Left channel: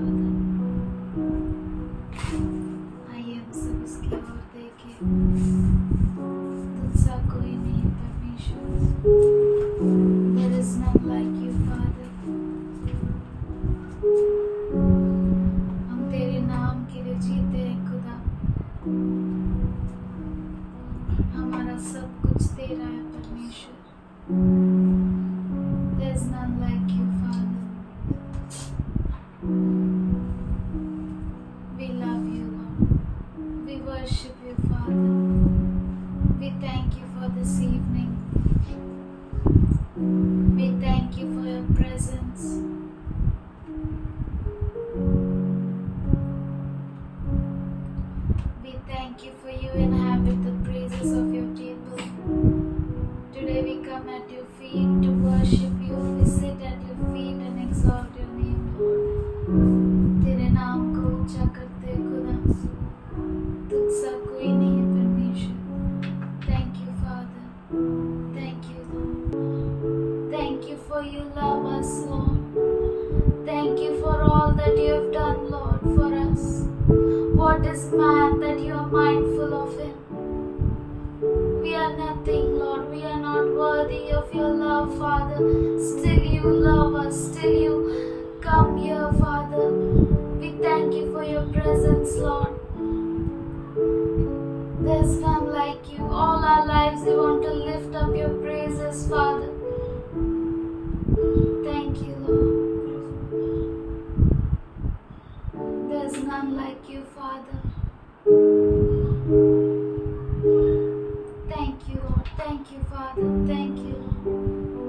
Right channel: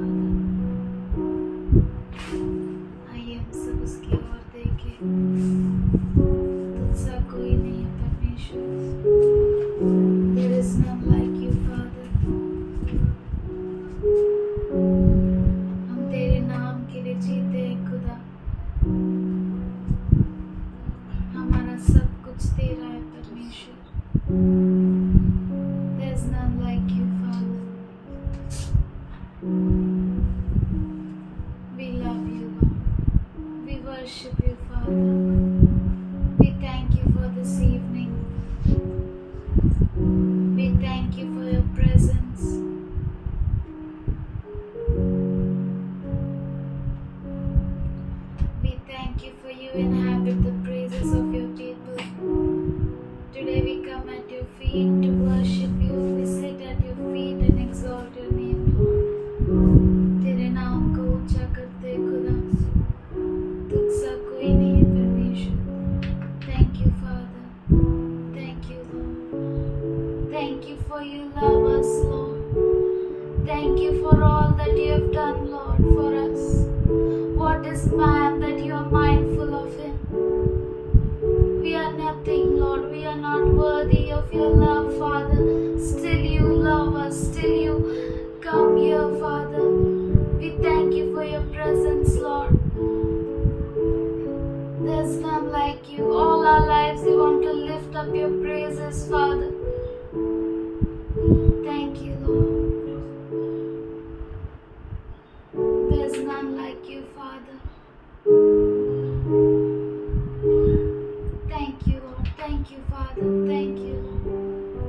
Father. आइए हम सब उसकी ओर देखें। तुझसा कोई नहीं है परमेश्वर। There is none like you, Father. हम तेरे नाम के लिए जीते हैं खुदा। हमारा सब कुछ तेरा है परमेश्वर। There is none like you, Father. We love you, Lord. We worship you, Father. We thank you for this evening. We thank you for your presence. We thank you for you inhabit the praises of your people. Today we come at your feet to worship you. We sit at your feet and exalt your name, Lord. तेरे नाम को ऊंचा करते खुदा। तुझसा कोई नहीं है परमेश्वर। Thank you, Father. Thank you, Lord. Thank you for you love us, Lord. Thank you for all that you have done, Lord, for us. What is man that you are mindful of him? We are nothing, Lord. We are not worthy of your love, Father. Still you love us. Still you come here, Father. We thank you for your presence, Lord. There's none like you. All our lives we want to lift up your praises, Father. Thank you, Lord. There's none like you, Father. Thank you, Lord. Thank you, Father. Thank you, Lord.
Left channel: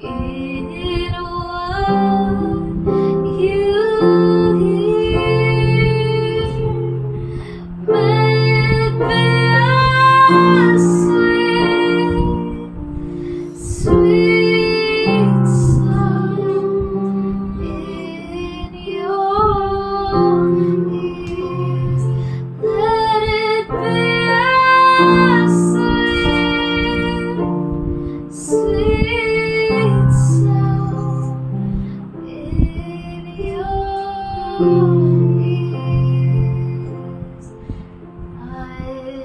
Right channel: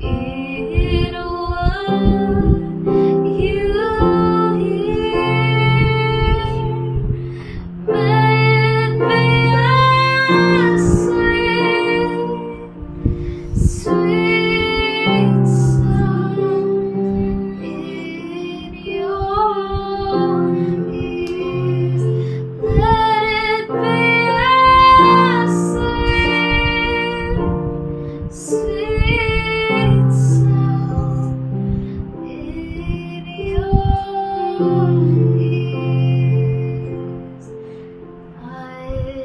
in what you hear. May it be a sweet, sweet sound in your ears. Let it be a sweet, sweet sound in your ears. I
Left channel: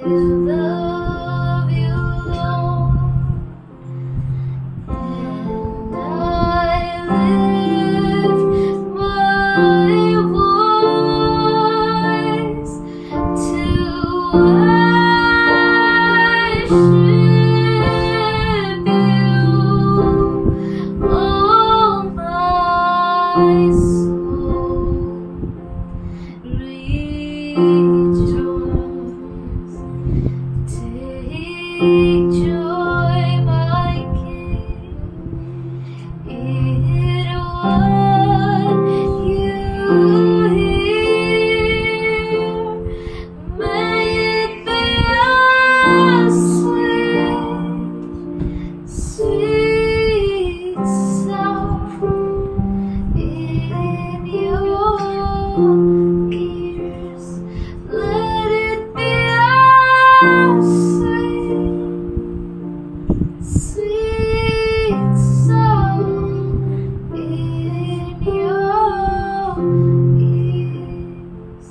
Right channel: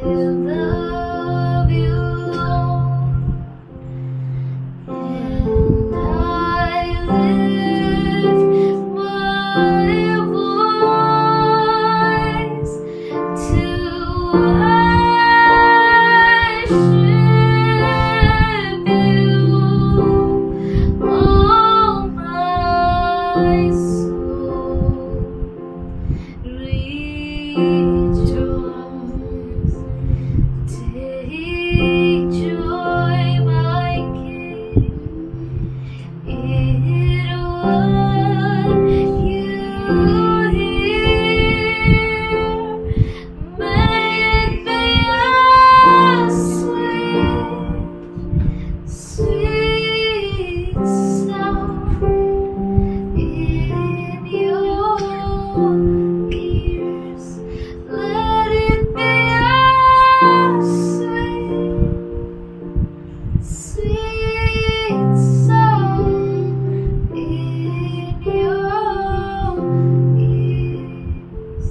love you, Lord, and I lift my voice to worship you, oh my soul. Rejoice, take joy, my King, in what you hear. May it be a sweet, sweet sound in your ears. Let it be a sweet, sweet sound in your ears.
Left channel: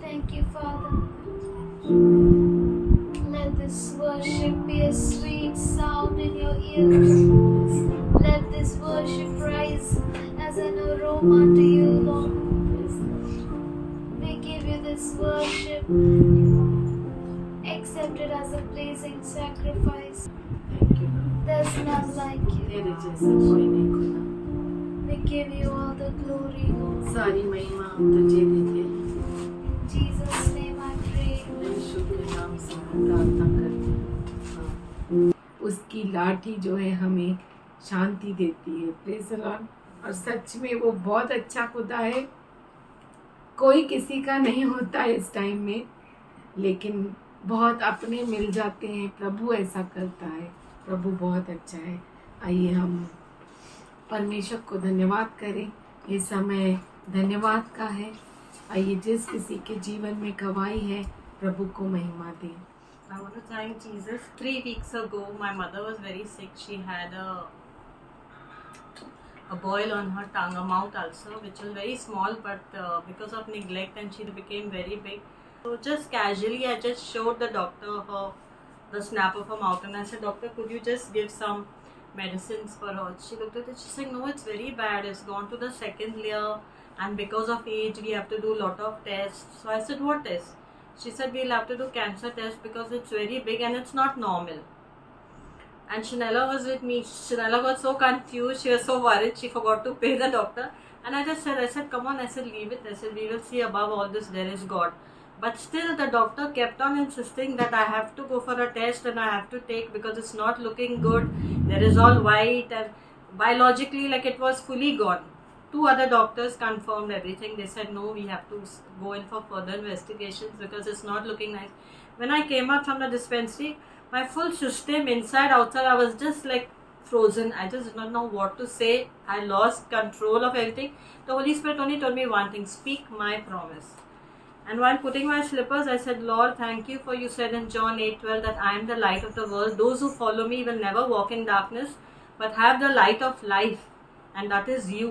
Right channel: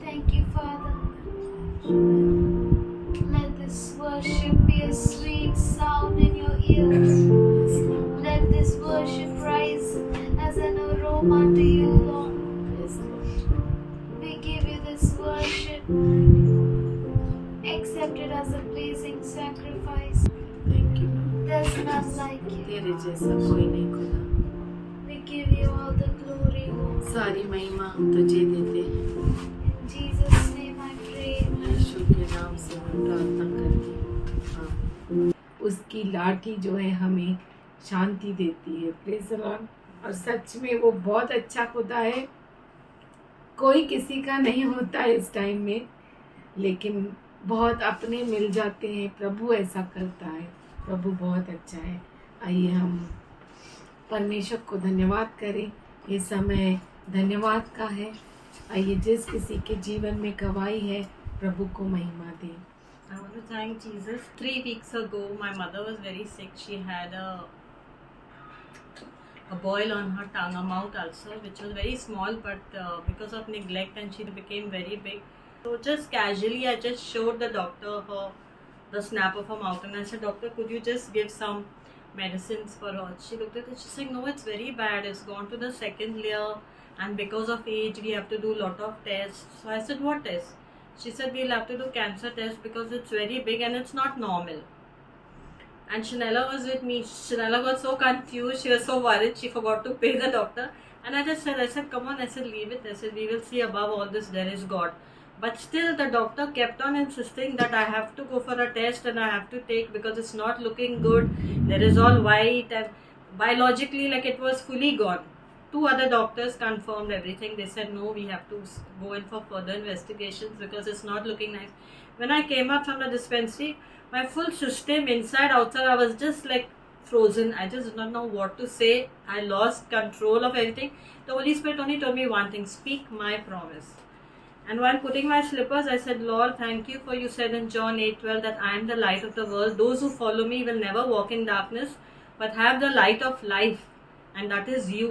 Thank you, Father. Let this worship be a sweet sound in your ears. Let this worship rise as an aroma to you, Lord. We give you this worship. Accept it as a pleasing sacrifice. Thank you. There's none like you. तेरे जैसा कोई नहीं खुदा। We give you all the glory, Lord. सारी महिमा हम तुझे देते हैं। In Jesus' name I pray. यीशु के नाम से हम प्रार्थना करते हैं। उसकी लाठी जो है हमें शांति देती है। Praise the Lord. और सच में वो बहुत अच्छा खुदा है। कोई किसी का नहीं होता है इस टाइम में, लेकिन बहुत अपने मिल जाते हैं। प्रभु ऐसा करता है। प्रभु बहुत अच्छा है। आइए हम परमेश्वर को धन्यवाद करें। ये समय धन्यवाद का है। आइए जिस किसी के जीवन में गवाही है, प्रभु को महिमा दें। I want to thank Jesus. 3 weeks ago, my mother was very sick. She had a boil on her tongue, a mouth ulcer, which was very small, but because of neglect, and she became very big. So just casually, I just showed the doctor the snap of her mouth, and I said, "Doctor, could you just give some medicines for her?" She looked at it. She said, "No, it's very bad. It's gone to the second layer, and because of age, we have to do a lot of tests." So I said, "What tests?" She said, "We'll have to do cancer test because it's very big and it's not normal." And Shanella was with me. Shanella got so confused. She was so worried. She forgot to pay the doctor. And I said, "Come on." I said, "Leave it." I said, "We will see above all this. There is God." But still, the doctor kept on insisting that I have to go for a test and I have to take because it's not looking good. There is all white and biologically, like it was fully gone. 2 other doctors confirmed everything. They said, "No, we have to go in for further investigations because it's not looking nice." When I came out from the dispensary, my full system, inside, outside, I was just like frozen. I just did not know what to say. I lost control of everything. The Holy Spirit only told me one thing: speak my promise. And while putting my slippers, I said, "Lord, thank you for you said in John 8:12 that I am the light of the world. Those who follow me will never walk in darkness, but have the light of life. And that is you."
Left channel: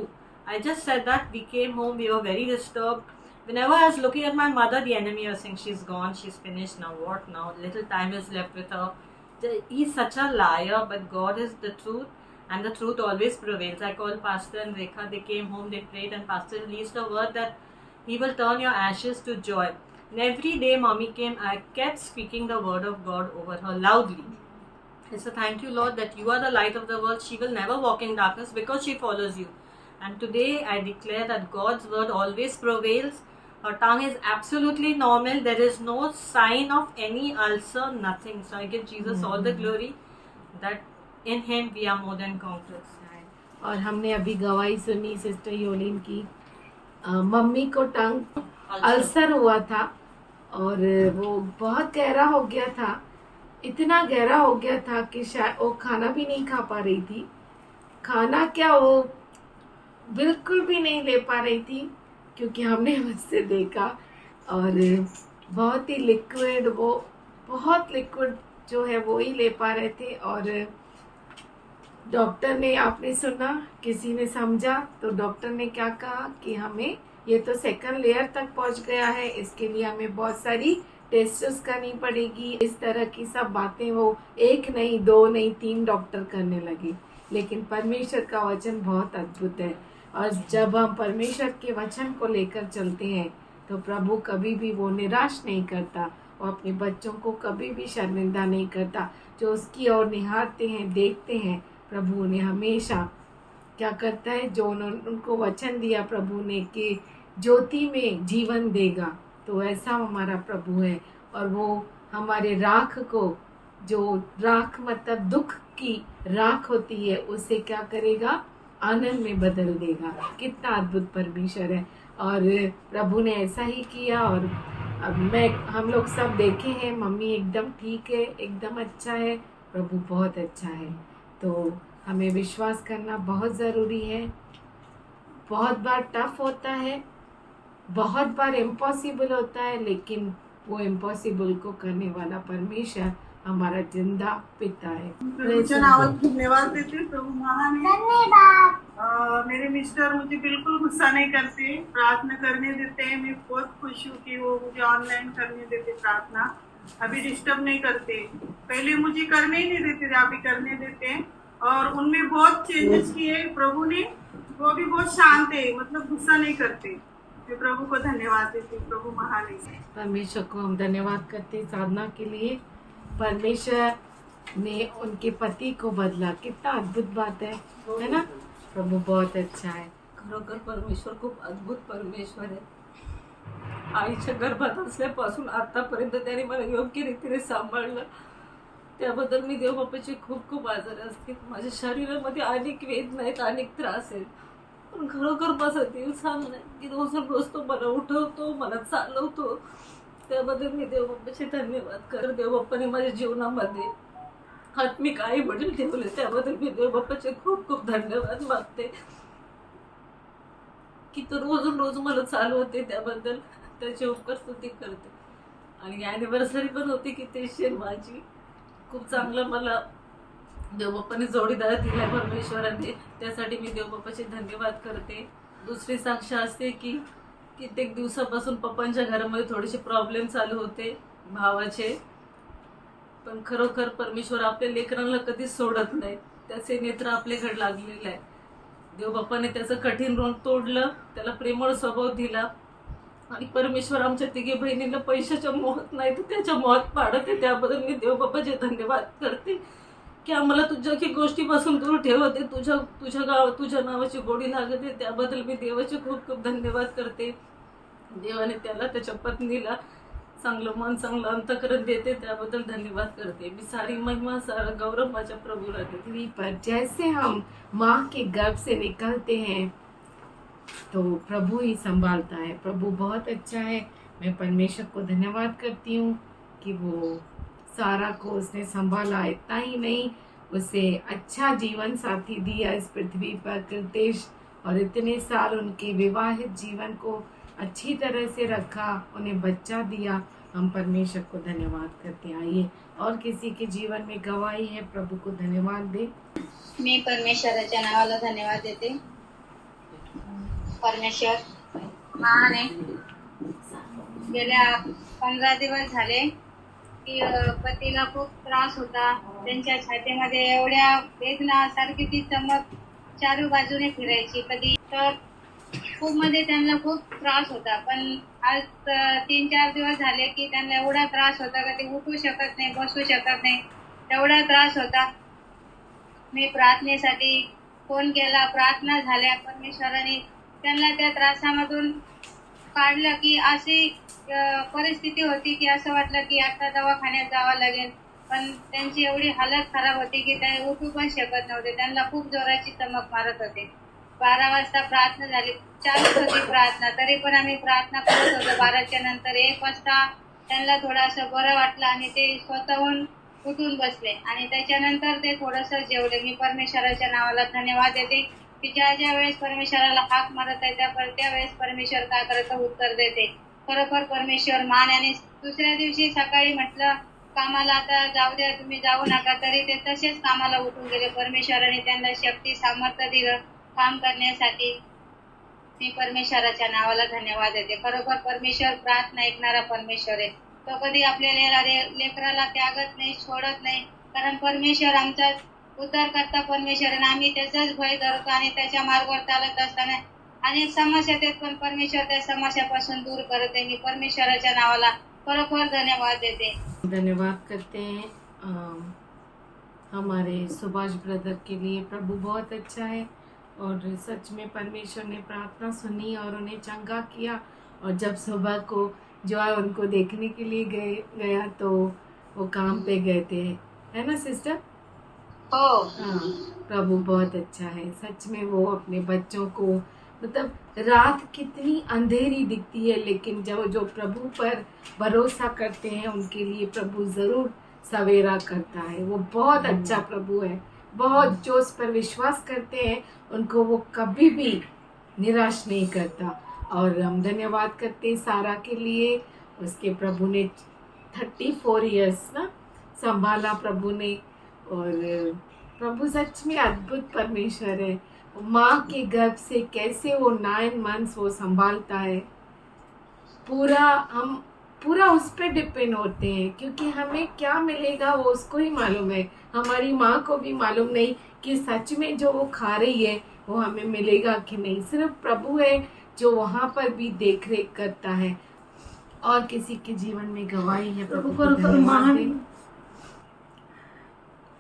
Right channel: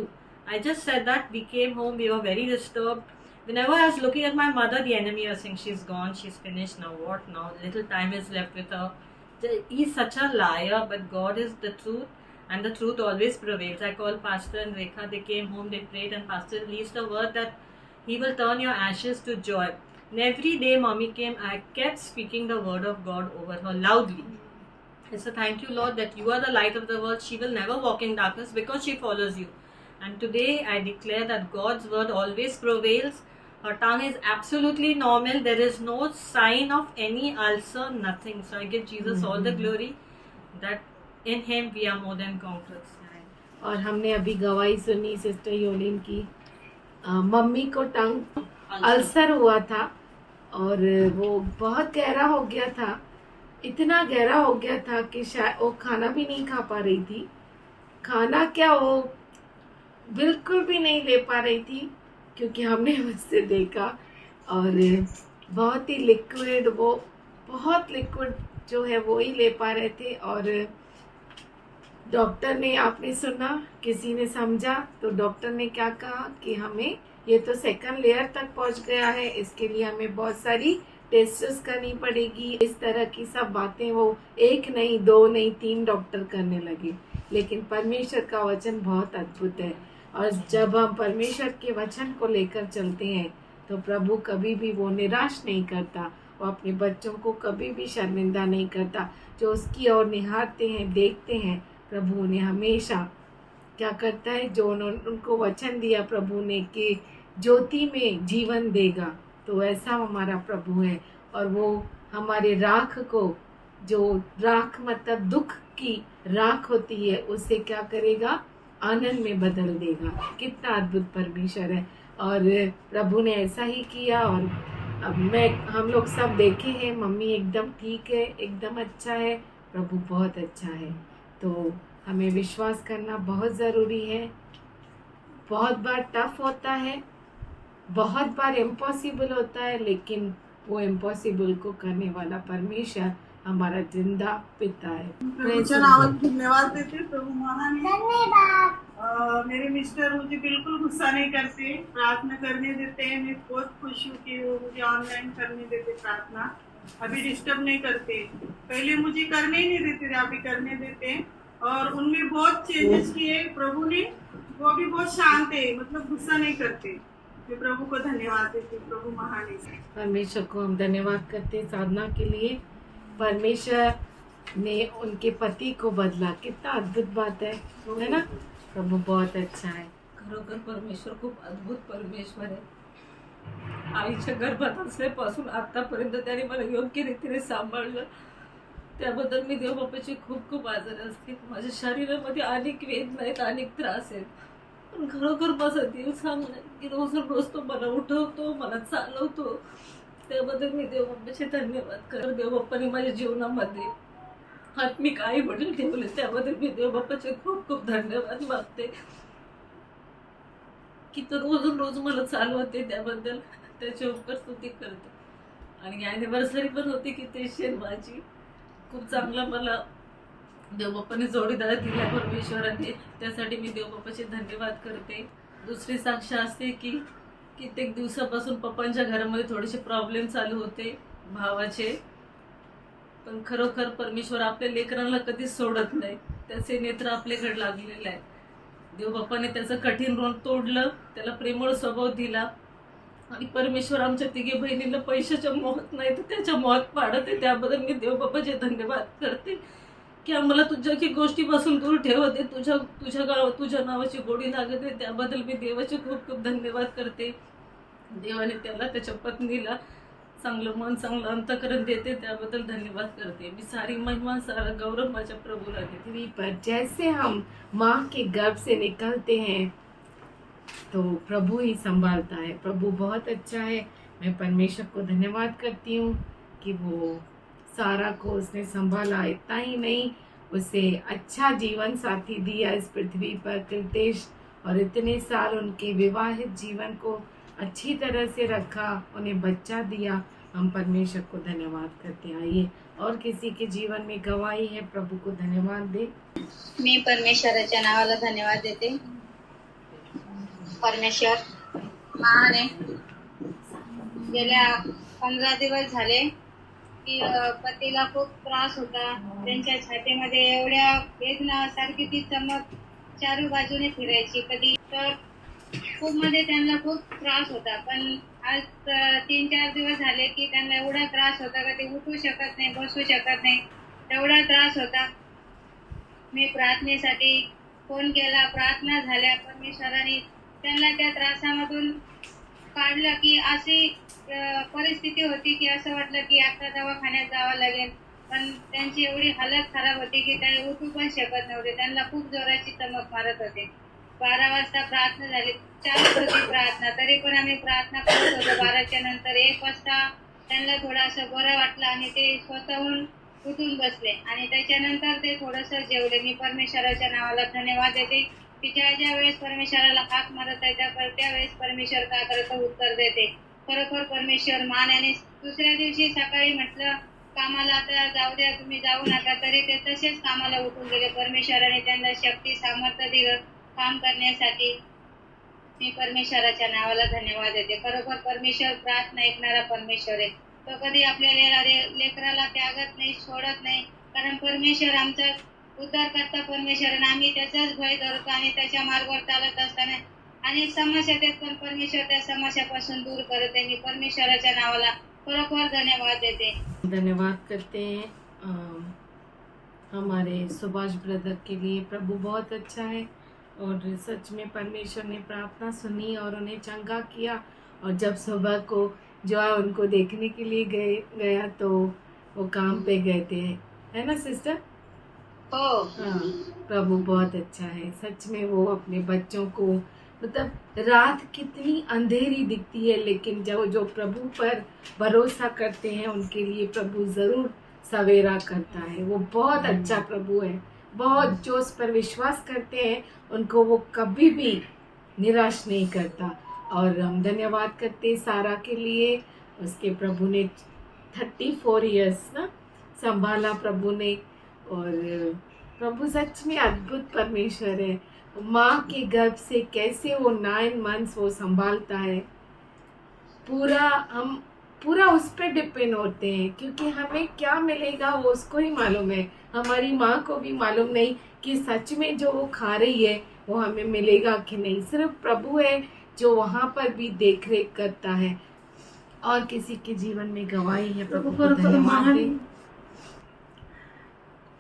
I just said that. We came home. We were very disturbed. Whenever I was looking at my mother, the enemy was saying, "She's gone. She's finished. Now what? Now little time is left with her." He's such a liar, but God is the truth. And the truth always prevails. I called Pastor and Rekha. They came home. They prayed. And Pastor released the word that He will turn your ashes to joy. And every day mommy came, I kept speaking the word of God over her loudly. I said, "Thank you, Lord, that you are the light of the world. She will never walk in darkness because she follows you." And today I declare that God's word always prevails. Her tongue is absolutely normal. There is no sign of any ulcer, nothing. So I give Jesus all the glory that in Him we are more than conquerors. और हमने अभी गवाही सुनी sister योलिन की। Mummy को टंग ulcer हुआ था और वो बहुत गहरा हो गया था, इतना गहरा हो गया था कि शायद वो खाना भी नहीं खा पा रही थी। खाना क्या, वो बिल्कुल भी नहीं ले पा रही थी, क्योंकि हमने उससे देखा और बहुत ही लिक्विड, वो बहुत लिक्विड जो है वो ही ले पा रहे थे। और डॉक्टर ने, आपने सुना, किसी ने समझा तो डॉक्टर ने क्या कहा कि हमें ये तो सेकंड लेयर तक पहुंच गया है, इसके लिए हमें बहुत सारी टेस्ट्स करनी पड़ेगी। इस तरह की सब बातें वो एक नहीं, दो नहीं, 3 डॉक्टर करने लगे। लेकिन परमेश्वर का वचन बहुत अद्भुत है और जब हम परमेश्वर के वचन को लेकर चलते हैं तो प्रभु कभी भी वो निराश नहीं करता, वो अपने बच्चों को कभी भी शर्मिंदा नहीं करता। जो उसकी ओर निहारते हैं, देखते हैं, प्रभु ने हमेशा क्या करता है, जो उनको वचन दिया प्रभु ने कि ज्योति में जीवन देगा, तो ऐसा हमारा प्रभु है। और वो हमारे राख को, जो राख मतलब दुख की राख होती है, उससे क्या करेगा, आनंद में बदल देगा। कितना अद्भुत परमेश्वर है। और प्रभु ने ऐसा ही किया। और अब हम लोग सब देखे हैं, मम्मी एकदम ठीक है, एकदम अच्छा है, प्रभु बहुत अच्छा है। तो हमें विश्वास करना बहुत ज़रूरी है। बहुत बार टफ होता है, बहुत बार इम्पॉसिबल होता है, लेकिन वो इम्पॉसिबल को करने वाला परमेश्वर हमारा जिंदा पिता है। प्रभूच्या नावात धन्यवाद देते। प्रभु महान है। मेरे मिस्टर मुझे बिल्कुल गुस्सा नहीं करते, प्रार्थना करने देते हैं। मैं बहुत खुश हूँ कि वो मुझे ऑनलाइन करने देते प्रार्थना, अभी डिस्टर्ब नहीं करते। पहले मुझे करने ही नहीं देते थे, अभी करने देते हैं। और उनमें बहुत चेंजेस किए प्रभु ने, वो भी बहुत शांत है, मतलब गुस्सा नहीं करते। मैं प्रभु को धन्यवाद देती, प्रभु महान है। परमेश्वर को हम धन्यवाद करते हैं साधना के लिए। परमेश्वर ने उनके पति को बदला, कितना अद्भुत बात है ना। प्रभु बहुत अच्छा है। खरोखर परमेश्वर खूप अद्भुत परमेश्वर आहे। आईच्या गर्भात असल्यापासून आतापर्यंत त्याने मला योग्य रीतीने सांभाळलं, त्याबद्दल मी देवबापाची खूप खूप आजारी असते। माझ्या शरीरामध्ये अनेक वेदना आहेत, अनेक त्रास आहेत, पण खरोखर माझा देव चांगला आहे की रोज रोज तो मला उठवतो, मला चालवतो। त्याबद्दल मी देवबापाचे धन्यवाद करते। देवबापाने माझ्या जीवनामध्ये आत्मिक आई वडील ठेवले, त्याबद्दल मी देवबापाचे खूप खूप धन्यवाद मागते की तो रोज रोज मला चालवते, त्याबद्दल त्याचे उपकार स्तुती करते। आणि ॲनिव्हर्सरी पण होती की ते माझी खूप चांगला मला देवबापाने जोडीदार दिला परमेश्वराने, त्यासाठी मी देवबापाचे धन्यवाद करते। दुसरी साक्ष असते की कित्येक दिवसापासून पप्पांच्या घरामध्ये थोडेसे प्रॉब्लेम चालू होते भावाचे, पण खरोखर परमेश्वर आपल्या लेकरांना कधीच सोडत नाही, त्याचे नेत्र आपल्याकडे लागलेले आहे। देवबापाने त्याचं कठीण ऋण तोडलं, त्याला प्रेमळ स्वभाव दिला आणि परमेश्वर आमच्या तिघे बहिणींना पैशाच्या मोहात नाही तर त्याच्या मोहात पाडत आहे। त्याबद्दल मी देवबापाचे धन्यवाद करते की आम्हाला तुझ्या की गोष्टीपासून दूर ठेवते, तुझ्या नावाची गोडी लागत आहे, त्याबद्दल मी देवाचे खूप खूप धन्यवाद करते। देवाने त्याला, त्याच्या पत्नीला चांगलं मन, चांगलं अंतःकरण देते, त्याबद्दल धन्यवाद करते। मी सारी महिमा, सारा गौरव माझ्या प्रभूला देते। पृथ्वी पर जैसे हम माँ के गर्भ से निकलते हैं तो प्रभु ही संभालता है। प्रभु बहुत अच्छा है। मैं परमेश्वर को धन्यवाद करती हूँ कि वो सारा को उसने संभाला। इतना ही नहीं, उसे अच्छा जीवन साथी दिया इस पृथ्वी पर, कृतेश, और इतने साल उनके विवाहित जीवन को अच्छी तरह से रखा, उन्हें बच्चा दिया। हम परमेश्वर को धन्यवाद करते हैं। आइए और किसी के जीवन में गवाही है, प्रभु को धन्यवाद दे। मी परमेश्वराच्या नावाला धन्यवाद देते। परमेश्वर महान आहे। गेल्या 15 दिवस झाले की पतीला खूप त्रास होता, त्यांच्या छातीमध्ये एवढ्या वेदना, सारखी ती चमक चारू बाजूने फिरायची कधी, तर खूप म्हणजे त्यांना खूप त्रास होता। पण आज 3-4 दिवस झाले की त्यांना एवढा त्रास होता का ते उठू शकत नाही, बसू शकत नाही, एवढा त्रास होता। मी प्रार्थनेसाठी फोन केला, प्रार्थना झाल्या, परमेश्वराने त्यांना त्या त्रासामधून काढलं की अशी परिस्थिती होती की असं वाटलं की आता दवाखान्यात जावं लागेल। पण त्यांची एवढी हालत खराब होती की ते उठू पण शकत नव्हते. त्यांना खूप जोराची चमक मारत होते. 12 वाजता प्रार्थना झाली, 4 होती प्रार्थना, तरी पण आम्ही प्रार्थना करत होतो. 12च्या नंतर 1 वाजता त्यांना थोडंसं बरं वाटलं आणि ते स्वतःहून उठून बसले आणि त्याच्यानंतर ते थोडंसं जेवले. मी परमेश्वराच्या नावाला धन्यवाद देते की ज्या ज्या वेळेस परमेश्वराला हाक मारत आहे त्यावेळेस परमेश्वर काय करतं, उत्तर देते. खरोखर परमेश्वर मान. आणि दुसऱ्या दिवशी सकाळी म्हटलं कामाला आता जाऊ द्या, तुम्ही जाऊ नका, तरी ते तसेच कामाला उठून गेले. परमेश्वराने त्यांना शक्ती सामर्थ्य दिलं काम करण्यासाठी. मी परमेश्वराच्या नावाला धन्यवाद देते. खरोखर परमेश्वर प्रार्थना ऐकणारा परमेश्वर आहे. तो कधी आपल्या लेकराला त्यागत नाही, सोडत नाही, कारण परमेश्वर आमचा उद्धार करता परमेश्वर आणि आम्ही त्याचाच भय धरतो आणि त्याच्या मार्गावर चालत असताना अनेक समस्या येतात, पण परमेश्वर त्या समस्यापासून दूर करते. मी परमेश्वराच्या नावाला खरोखर धन्यवाद देते. धन्यवाद करते हैं हमारे सुभाष ब्रदर के लिए। प्रभु बहुत अच्छा है और सच में परमेश्वर ने प्रार्थना सुनी और उन्हें चंगा किया। और जब सुबह को जो है उनको देखने के लिए गया तो वो काम पे गए थे, है ना सिस्टर? हो, हाँ, प्रभु बहुत अच्छा है। सच में वो अपने बच्चों को, मतलब रात कितनी अंधेरी दिखती है लेकिन जब जो प्रभु पर भरोसा करते हैं उनके लिए प्रभु ज़रूर सवेरा करता है। वो बहुत अच्छा प्रभु है। बहुत जो उस पर विश्वास करते हैं उनको वो कभी भी निराश नहीं करता। और हम धन्यवाद करते सारा के लिए। उसके प्रभु ने 34 इयर्स ना संभाला प्रभु ने। और प्रभु सच में अद्भुत परमेश्वर है। माँ के गर्भ से कैसे वो 9 मंथ्स वो संभालता है, हम पूरा उस पर डिपेंड होते हैं, क्योंकि हमें क्या मिलेगा वो उसको ही मालूम है। हमारी माँ को भी मालूम नहीं कि सच में जो वो खा रही है वो हमें मिलेगा कि नहीं। सिर्फ प्रभु है जो वहाँ पर भी देख रेख करता है। और किसी के जीवन में गवाही है प्रभु को खरोखर धन्यवाद महान दे।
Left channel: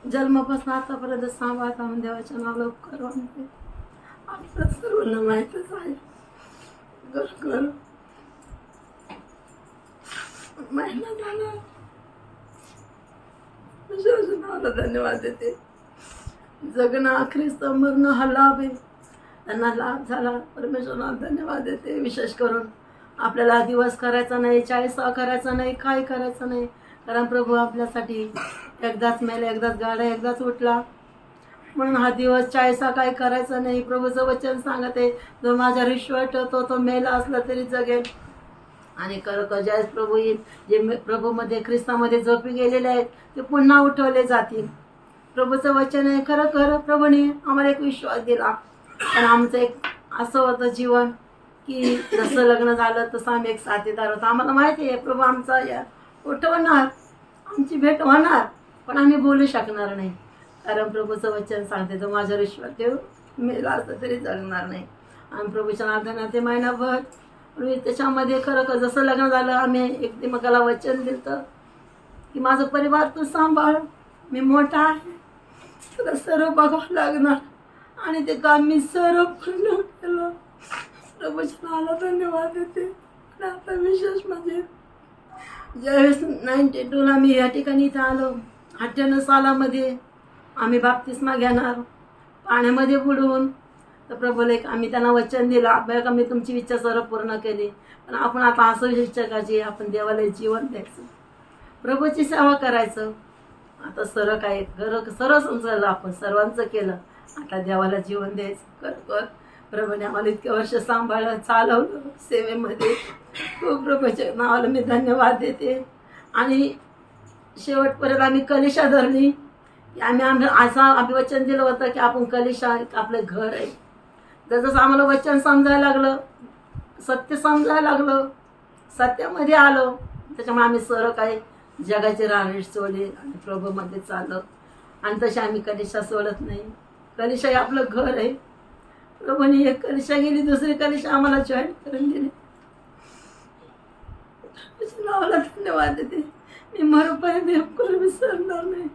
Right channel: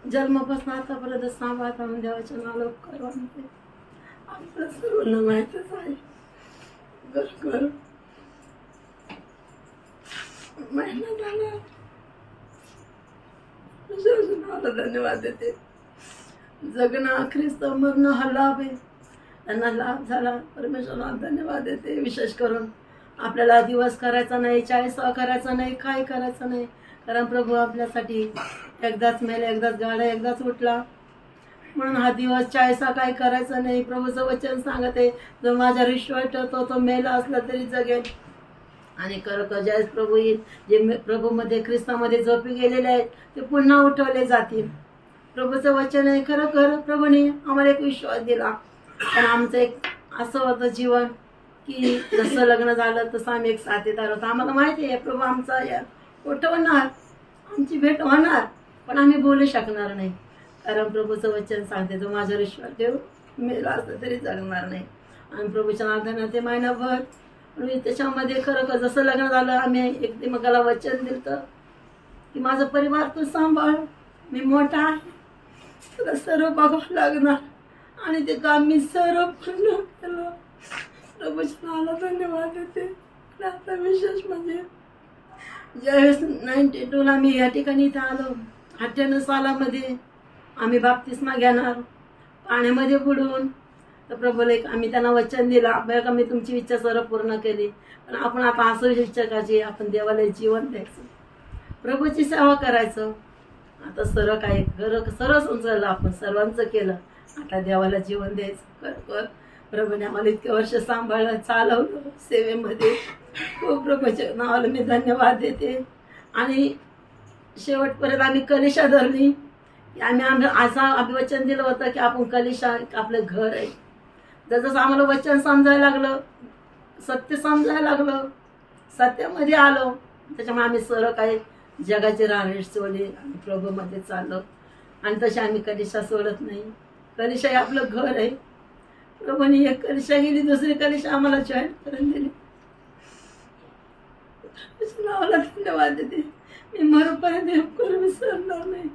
जन्मापासून आतापर्यंत सांभाळता म्हणून देवाच्या नावाला उपकार मानते. आपल्याला सर्वांना माहीतच आहे. खरोखर महिना झाला देवाच्या नावाला धन्यवाद देते. जगणं अखेरीस मरण हा लाभ आहे, त्यांना लाभ झाला. परमेश्वराला धन्यवाद देते. विशेष करून आपल्याला दिवस करायचा नाही, 40 करायचा नाही, काय करायचं नाही, कारण प्रभू आपल्यासाठी एकदाच मेला, एकदाच गाडा, एकदाच उठला. म्हणून हा दिवस 40 काय करायचं नाही. प्रभूचं वचन सांगत आहे, जो माझ्यावर विश्वास ठेवतो तो मेला असला तरी जगेल. आणि खरोखर ज्यावेळेस प्रभू येईल, जे प्रभूमध्ये ख्रिस्तामध्ये झोपी गेलेले आहेत ते पुन्हा उठवले जातील. प्रभूचं वचन आहे. खरोखर प्रभूने आम्हाला एक विश्वास दिला. पण आमचं एक असं होतं जीवन की जसं लग्न झालं तसं आम्ही एक साथीदार होतो. आम्हाला माहिती आहे प्रभू आमचा या उठवणार, आमची भेट होणार, पण आम्ही बोलू शकणार नाही, कारण प्रभूचं वचन सांगते, तो माझ्यावर विश्वास ठेव, मेला असं तरी जगणार नाही. आणि प्रभूच्या नादानं ते महिनाभर त्याच्यामध्ये खरं जसं लग्न झालं आम्ही एकमेकाला वचन दिलं की माझं परिवार तू सांभाळ, मी मोठा आहे, तुला सर्व बघावं लागणार. आणि ते काम मी सर्व पूर्ण केलं. प्रभूच्या नावाला धन्यवाद देते. आणि आता विशेष म्हणजे ज्यावेळेस 92ला मी या ठिकाणी इथं आलो, 98 सालामध्ये आम्ही बाप्तिस्मा घेणार पाण्यामध्ये बुडवून. तर प्रभूला एक आम्ही त्यांना वचन दिलं, आपल्याला मी तुमची इच्छा सर्व पूर्ण केली, पण आपण आता असं इच्छा करायची, आपण देवाला जीवन द्यायचं, प्रभूची सेवा करायचं. आता सर्व काय सर्व समजलं, आपण सर्वांचं केलं, आता देवाला जीवन द्यायचं. खरोखर प्रभूने आम्हाला इतके वर्ष सांभाळलं, चालवलं सेवेमध्ये. खूप प्रभूच्या नावाला मी धन्यवाद देते. आणि शेवटपर्यंत आम्ही कलिशा धरली. आम्ही असं वचन दिलं होतं की आपण कलिशा आपलं घर आहे. जसं आम्हाला वचन समजायला लागलं, सत्य समजायला लागलं, सत्यामध्ये आलो, त्याच्यामुळे आम्ही सर्व काही जगाची राहणी सोडली आणि प्रभूमध्ये चाललो. आणि तशी आम्ही कलिशा सोडत नाही. कलिशा हे आपलं घर आहे. प्रभूने एक कलिशा गेली, दुसरी कलिशा आम्हाला जॉईन करून दिली. नावाला धन्यवाद देते. मी मरोपर्यंत करून विसरणार नाही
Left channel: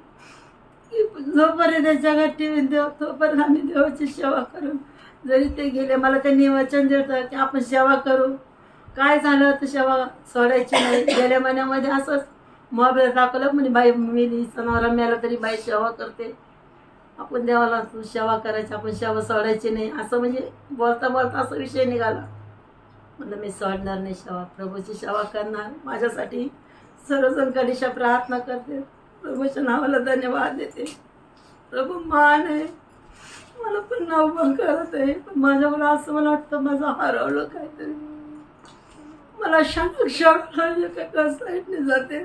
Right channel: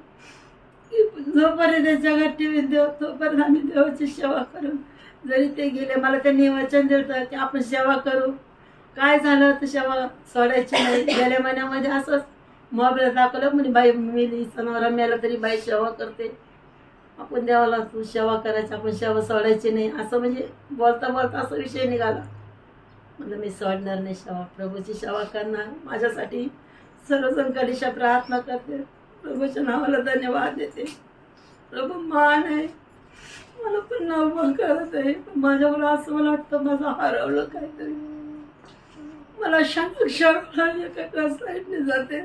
की जोपर्यंत जगात ठेवीन देव तोपर्यंत आम्ही देवाची सेवा करून. जरी ते गेले, मला त्यांनी वचन दिलं की आपण सेवा करू, काय झालं तर सेवा सोडायची नाही. गेल्या महिन्यामध्ये असंच मोबाईल दाखवलं म्हणे बाई मेली सणावरा मेला तरी बाई सेवा करते. आपण देवाला तू सेवा करायची, आपण सेवा सोडायची नाही, असं म्हणजे बोलता बोलता असा विषय निघाला. म्हणलं मी सोडणार नाही सेवा, प्रभूची सेवा करणार. माझ्यासाठी सर्वजण कधीशा प्रार्थना करते, प्रभूच्या नावाला धन्यवाद देते. प्रभू मान आहे, मला पुन्हा उभं करत आहे. पण माझ्याकडं असं मला वाटतं माझं हरवलं काहीतरी. मला क्षण एका साईडने जाते,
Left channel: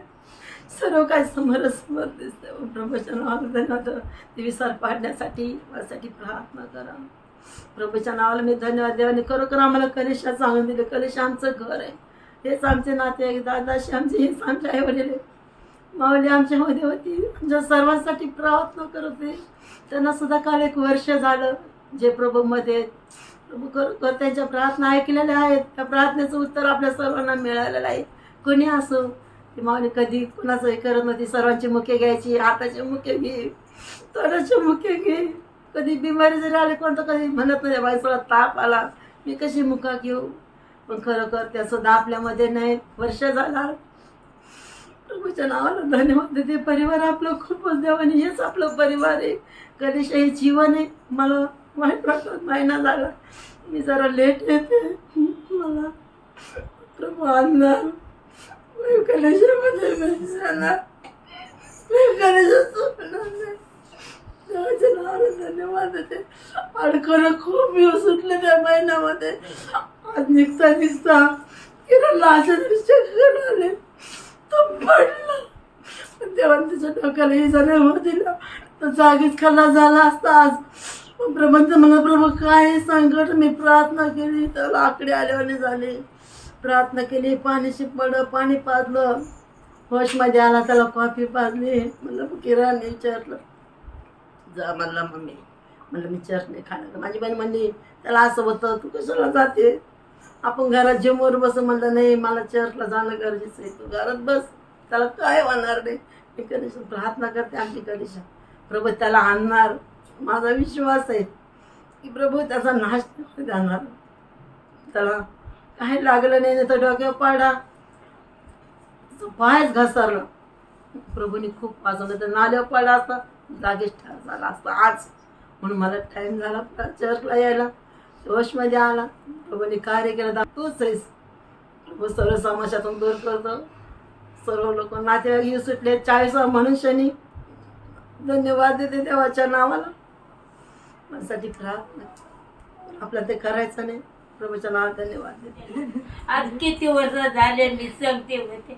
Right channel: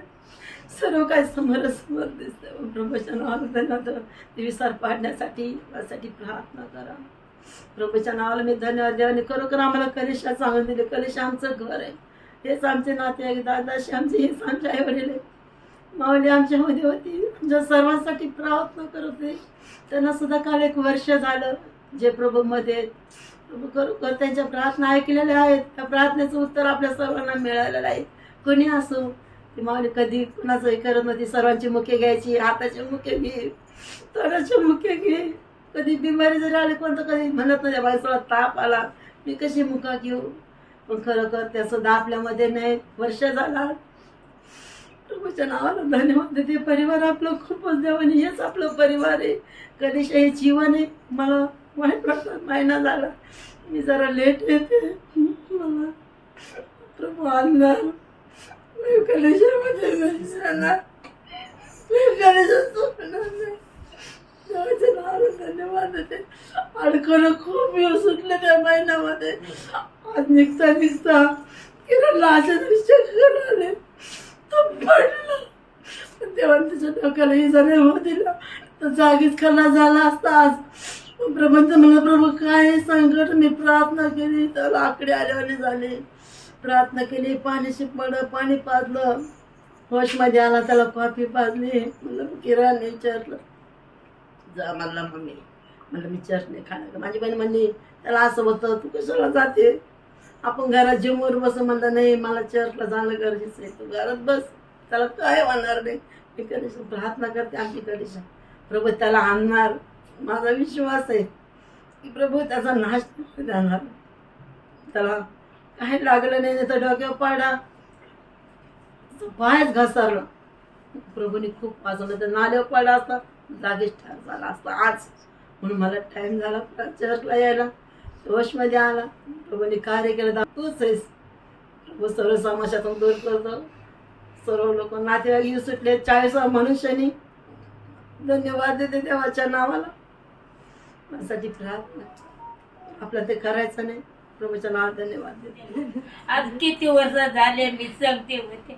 सर्व काय समोरासमोर दिसते. प्रभूच्या नावाला धन्यवाद. ते विसर पाडण्यासाठी माझ्यासाठी प्रार्थना करा. प्रभूच्या नावाला मी धन्यवाद. देवाने खरोखर आम्हाला कलिशा सांगून दिले. कलिशा आमचं घर आहे, हेच आमचे नाते, दादाशी आमचे, हेच आमचे आई वडील आहे. माऊली आमच्यामध्ये होती, आमच्या सर्वांसाठी प्रार्थना करत आहे. त्यांना सुद्धा काल 1 वर्ष झालं जे प्रभूमध्ये. प्रभू खरोखर त्यांच्या प्रार्थना ऐकलेल्या आहेत. त्या प्रार्थनेचं उत्तर आपल्या सर्वांना मिळालेलं आहे. कोणी असो, ती माऊली कधी कुणाचं हे करत नव्हती. सर्वांची मुखे घ्यायची, हाताचे मुखे घे, तोंडाचे मुखे घे. कधी बिमारी जरी आली कोणतं कधी म्हणत नाही बाई थोडा ताप आला मी कशी मुका घेऊ. पण खरोखर त्यासुद्धा आपल्यामध्ये नाही. वर्ष झाला. प्रभूच्या नावाला धन्यवाद देते. परिवार आपलं खूपच देवाने, हेच आपलं परिवार आहे. कधीच हे जीवन आहे. मला वाईट वाटत, महिना झाला मी जरा लेट येते. मला प्रभू आणणार कलेशामध्ये नाही जाणार. देवाच्या नावाला धन्यवाद देते. अडकणं खूप दिवस सुटले त्या महिन्यामध्ये. आज निघता निघता किरणला अशा चक्कर आले, तो पडला. देवाने तिच्या डोक्याला इजा नाही होऊ दिला, तर जागीच खल्ला झाला असता आज. प्रभूंच मला प्रभू काय संकट. मी प्रार्थना केली, त्याला आकडे आल्यावाने झाले. प्रार्थना केली, पाणी शिपडलं, पाणी पाजलं, होशमध्ये आला, त्याला कॉफी पाजली. म्हणलं किरण विचारलं जा. म्हणला मम्मी, म्हणलं मी चर्च नाही खाणार. माझी बहीण म्हणली त्याला असं होतं, तू कशाला जाते, आपण घरात जिमवर बस. म्हणलं नाही, मला चर्चला जाणं गरजेचं आहे, तू घरात बस, त्याला काय होणार नाही. मी कधीच प्रार्थना करते आमची कधीच प्रभू त्याला आणणार. माझा विश्वास आहे की प्रभू त्याचा नाश जाणार. त्याला काही लागलं नाही, तर डोक्यावर पाडा, तो पायच घसरला. प्रभूने खूप वाचवलं. तर नाल्यावर पडला असता, जागीच ठार झाला असता आज. म्हणून मला टाईम झाला चर्चला यायला, जोशमध्ये आला. प्रभूने कार्य केलं. तूच आहेस प्रभू, सर्व समाजातून दूर करतो. सर्व लोक नातेवाईक येऊ सुटले. 40 मनुष्यानी धन्यवाद देते देवाच्या नावाला. माझ्यासाठी प्रार्थना, आपल्याला ते करायचं नाही. प्रभूच्या नावाला धन्यवाद देते. आज किती वर्ष झाले मी सांगते होते.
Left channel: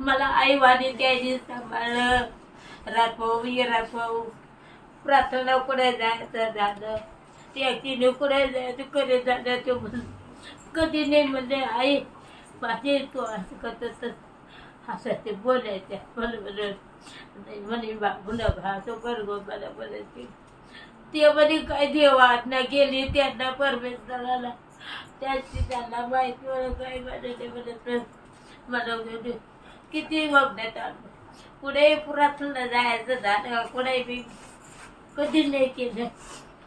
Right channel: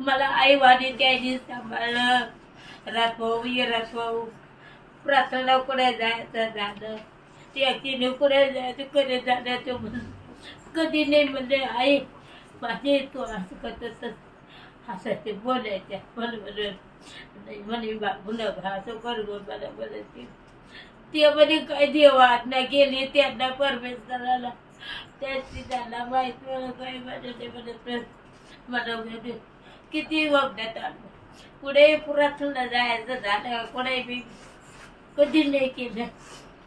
मला आईवाने त्याने सांभाळलं. रातभाऊ रातभाऊ प्रार्थना कुठे जायचं झालं, त्याची कुठे जायचं कधी झालं. ते कधी नाही म्हणले आई माझे तू असं करत असं ते बोलायच्या. म्हणून म्हणे बाबू न असं बरोबर मला बोलायचे. ते म्हणे काय देवा आज्ञा केली त्यांना परमेश्वराला, त्याची त्यांना माहिती. मला काय म्हणाले मला किती बघण्यात आलं. पुढे प्रार्थना जायचं झालं, पुढे मी कधी नाही केलं.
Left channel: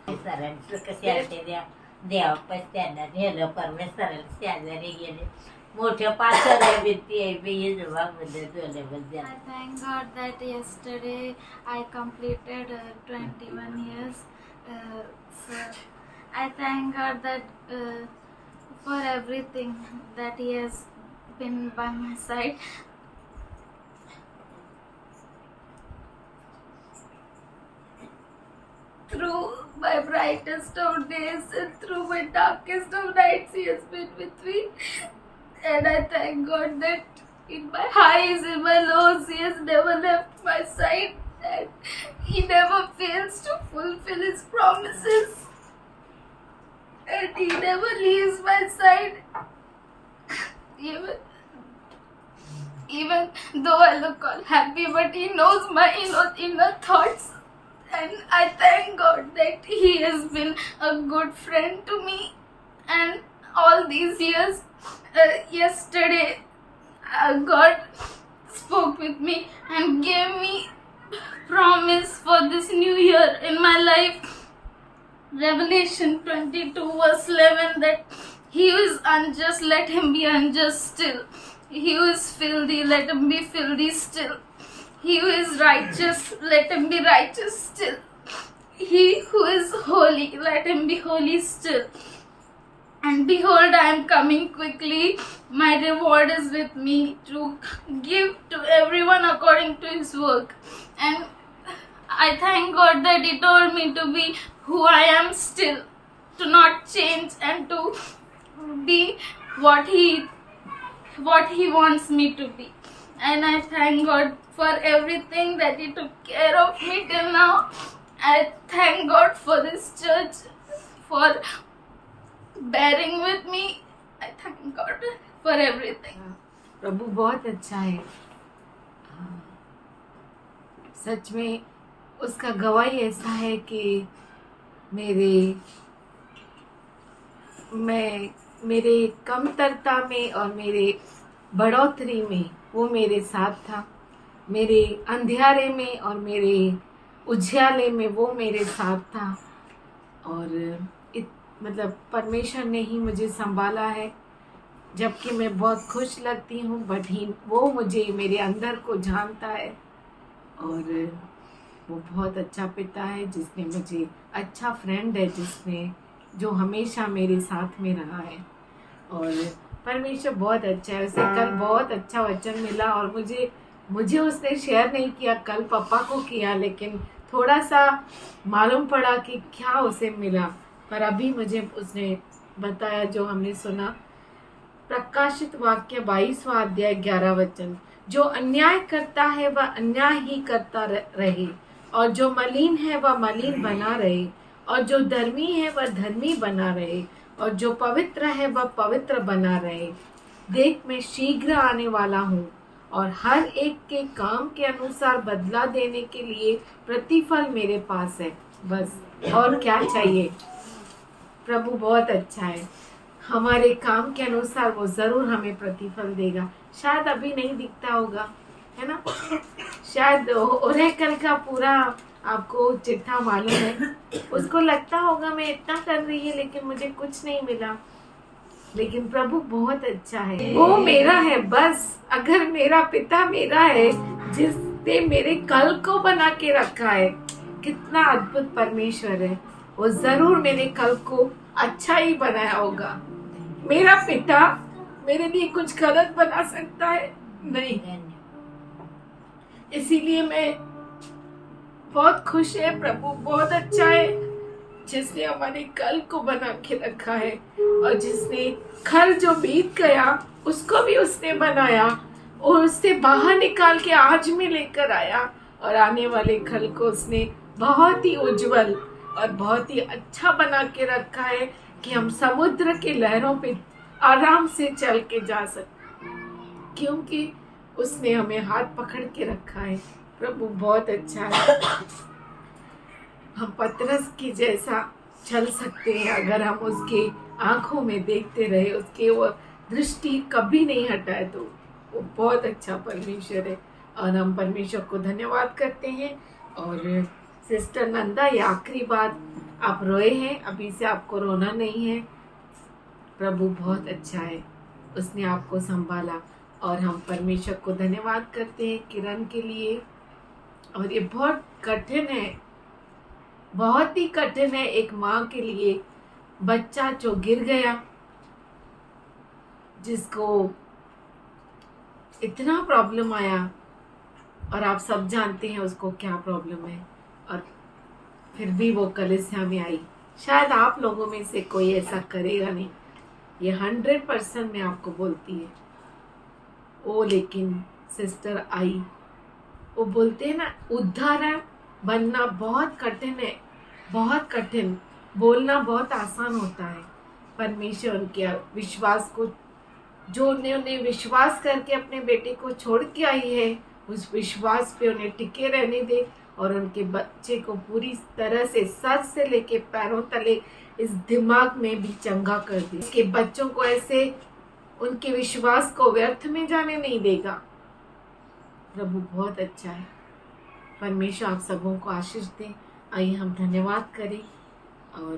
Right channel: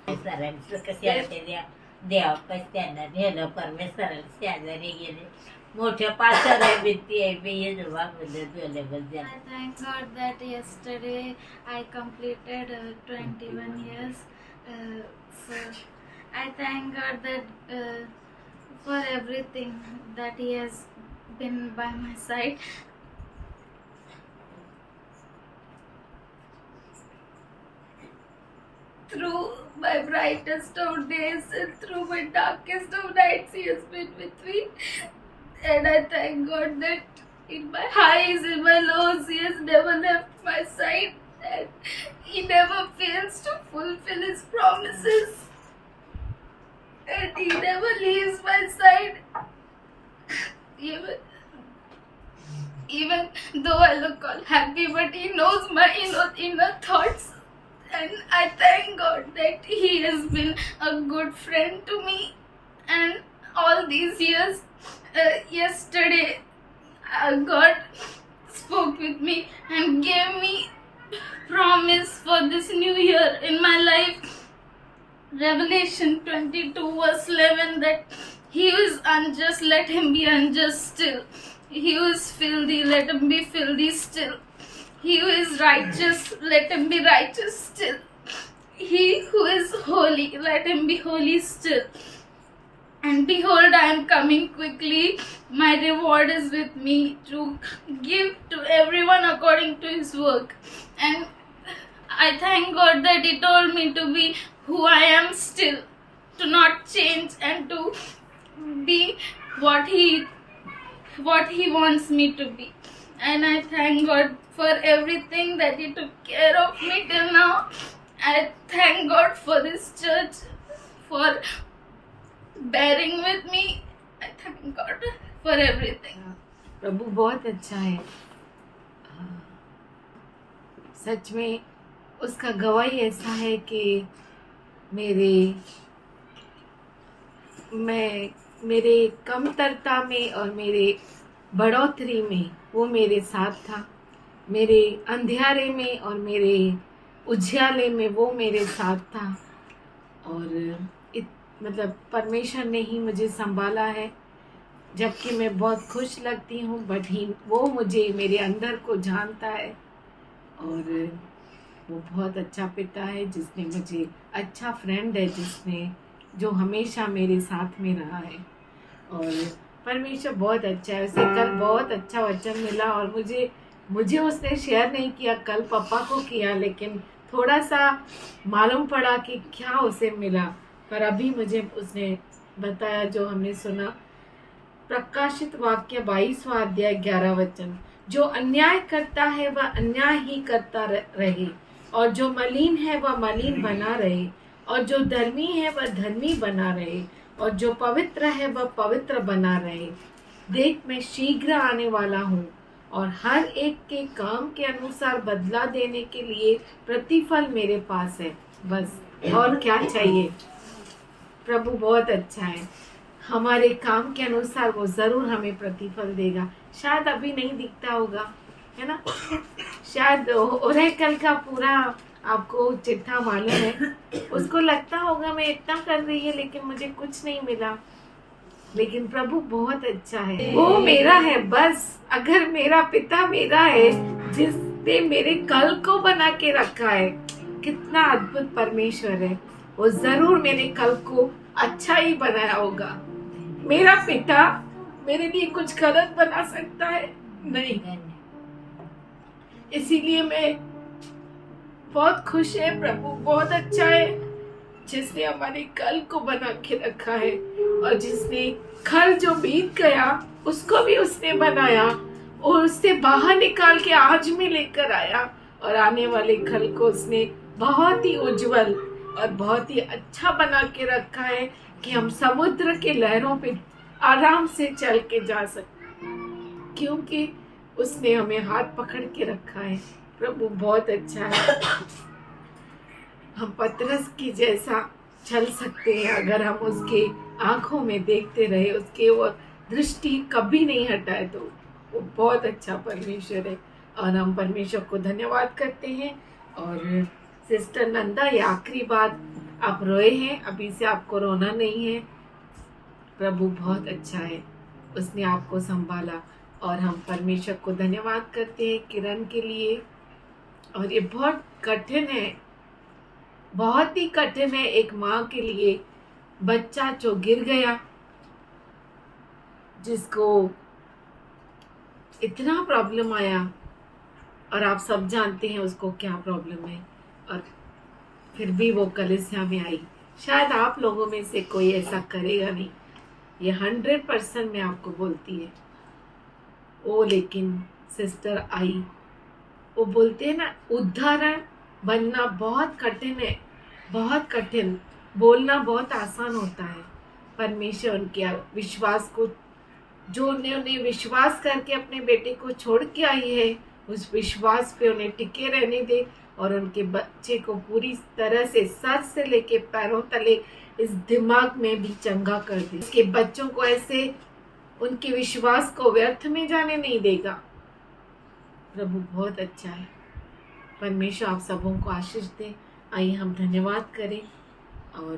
सरांचं कशा द्या देवापास त्यांना नेलं. परमेश्वराला शेजारी गेले. मोठ्या पाचऱ्या भिंती आहे मी बोलल्याबद्दल. I thank God that yesterday I completed 21 years. So I thank God that for everything that He has been by my side. Through my brightest of days and through my darkest of nights, He has been with me. And I thank God that in my highs, in my lows, He has never left my side. And He never fails to fulfill His promises. And He never leaves my side. Even though I look all happy, but He knows my inner thoughts. And I thank God that He has been a good friend to me. And all these years, yesterday, God spoke with me and gave me promise for this new year in my life. Revelation 22 verse 11, that He is unjust, let him be unjust still. He who is filthy, let him be filthy still. He who is righteous, let him be righteous still. He who is holy, let him be holy still. And behold, I am coming quickly. My reward is with me to give to everyone according to his work. And I thank God that He told me to be who I am still, to not change and to be what He wants me to be. And I thank God for everything that He took care of me till now. I thank God for this church, for bearing with me. I thank God for everything. प्रभु बहुत अच्छा है। सच में उसका गवाही ऐसा है कि मेरे कमतरता में और मेरे बढ़ोतरी में वो मेरे साथ था। मेरे अंधियारे में और मेरे उजियाले में वो मेरे साथ था। और मतलब परमेश्वर ने ही मुझे संभाला है, जबकि मैं बहुत खुश लगती हूँ, बट वो मुझे मेरे अंदर को जानता है। और वो बहुत अच्छा पिता है जिसने मुझे, अच्छा फ्रेंड है जो हमेशा मेरे साथ में रहा है। और परमेश्वर बहुत अच्छा है। उसे कल बहुत अच्छा वचन मिला और मुझे उसने शेयर नहीं किया, कल पापा को किया, लेकिन थोड़ा सा मालूम पड़ा कि क्या उसे मिला। पर अभी मुझे उसने बताया जो हमने सुना, प्रकाशित वाक्य 22वां अध्याय 11 वचन, जो अन्याय करता है वह अन्याय ही करता रहे, और जो मलिन है वह मलिन बना रहे, और जो धर्मी है वह धर्मी बना रहे, और जो पवित्र है वह पवित्र बना रहे। देख, मैं शीघ्र आने वाला हूँ, और हर एक के काम के अनुसार बदला देने के लिए प्रतिफल मेरे पास है। बस और क्या चाहिए। प्रभु बहुत अच्छा है। हमारे काम के अनुसार वो ज़रूर हमें प्रतिफल देगा। शायद अभी नहीं दिखता होगा, है ना। शायद ओरेकल का पूरा आपको चिट्ठा मालूम है। उसको लगता होगा मैं इतना कर रही है लेकिन मुझे कुछ नहीं मिला, लेकिन प्रभु बहुत अच्छा है। वो मेरा है। बस अगर मेरा पिता मेरा है जिसने मेरे कल को बना के रखा है, कितना अद्भुत परमेश्वर है। वो जरूर मेरे कल को अच्छा ही बनाया होगा। मेरा पिता मेरे लिए कुछ गलत बना सकता है? नहीं। इसीलिए मैं बहुत खुश है। प्रभु बहुत अच्छा है जिसने हमारे कल को बना के रखा है, और जिसने कल जो बीत गया उसको भी उसने बनाया और उससे बाहर निकाल के आज में लेकर आया, और आने वाले कल को उसने बहुत ही उज्जवल और बहुत ही अच्छा बना के रखा है कि हम समुद्र के लहरों पे आराम से चल के जा सकते, क्योंकि उसने हमें हाथ पकड़ के रखा है। प्रभु बहुत अच्छा है। हम पतरस की जैसा चल सकते हैं अगर हम उसके आंखों में देखते रहे, उसके वो दृष्टि कभी नहीं हटाए, तो वो बहुत अच्छा परमेश्वर है। और हम परमेश्वर को धन्यवाद करते हैं। और सिस्टर नंदा, ये आखिरी बात, आप रोए हैं, अभी से आपको रोना नहीं है। प्रभु बहुत अच्छा है, उसने आपको संभाला। और हम परमेश्वर को धन्यवाद करते हैं किरण के लिए। और ये बहुत कठिन है, बहुत ही कठिन है एक माँ के लिए। बच्चा जो गिर गया, जिसको इतना प्रॉब्लम आया, और आप सब जानते हैं उसको क्या प्रॉब्लम है, और फिर भी वो कलीसिया में आई। शायद आप लोगों में से कोई ऐसा करेगा नहीं, ये 100% मैं आपको बोलती है। वो लेकिन सिस्टर आई। वो बोलते हैं ना, उदाहरण बनना बहुत कठिन है, बहुत कठिन। बोलना बहुत आसान होता है। परमेश्वर उनके विश्वास को, जो उन्हें विश्वास करके अपने बेटे को छोड़ के आई है, उस विश्वास पे उन्हें टिके रहने दे, और उनके बच्चे को पूरी तरह से सर से लेके पैरों तले इस दिमाग में भी चंगा कर दे। उसके बच्चों को ऐसे उनके विश्वास को व्यर्थ में जाने नहीं देगा। प्रभु बहुत अच्छा है। परमेश्वर आप सबों को आशीष दे। आइए हम धन्यवाद करें और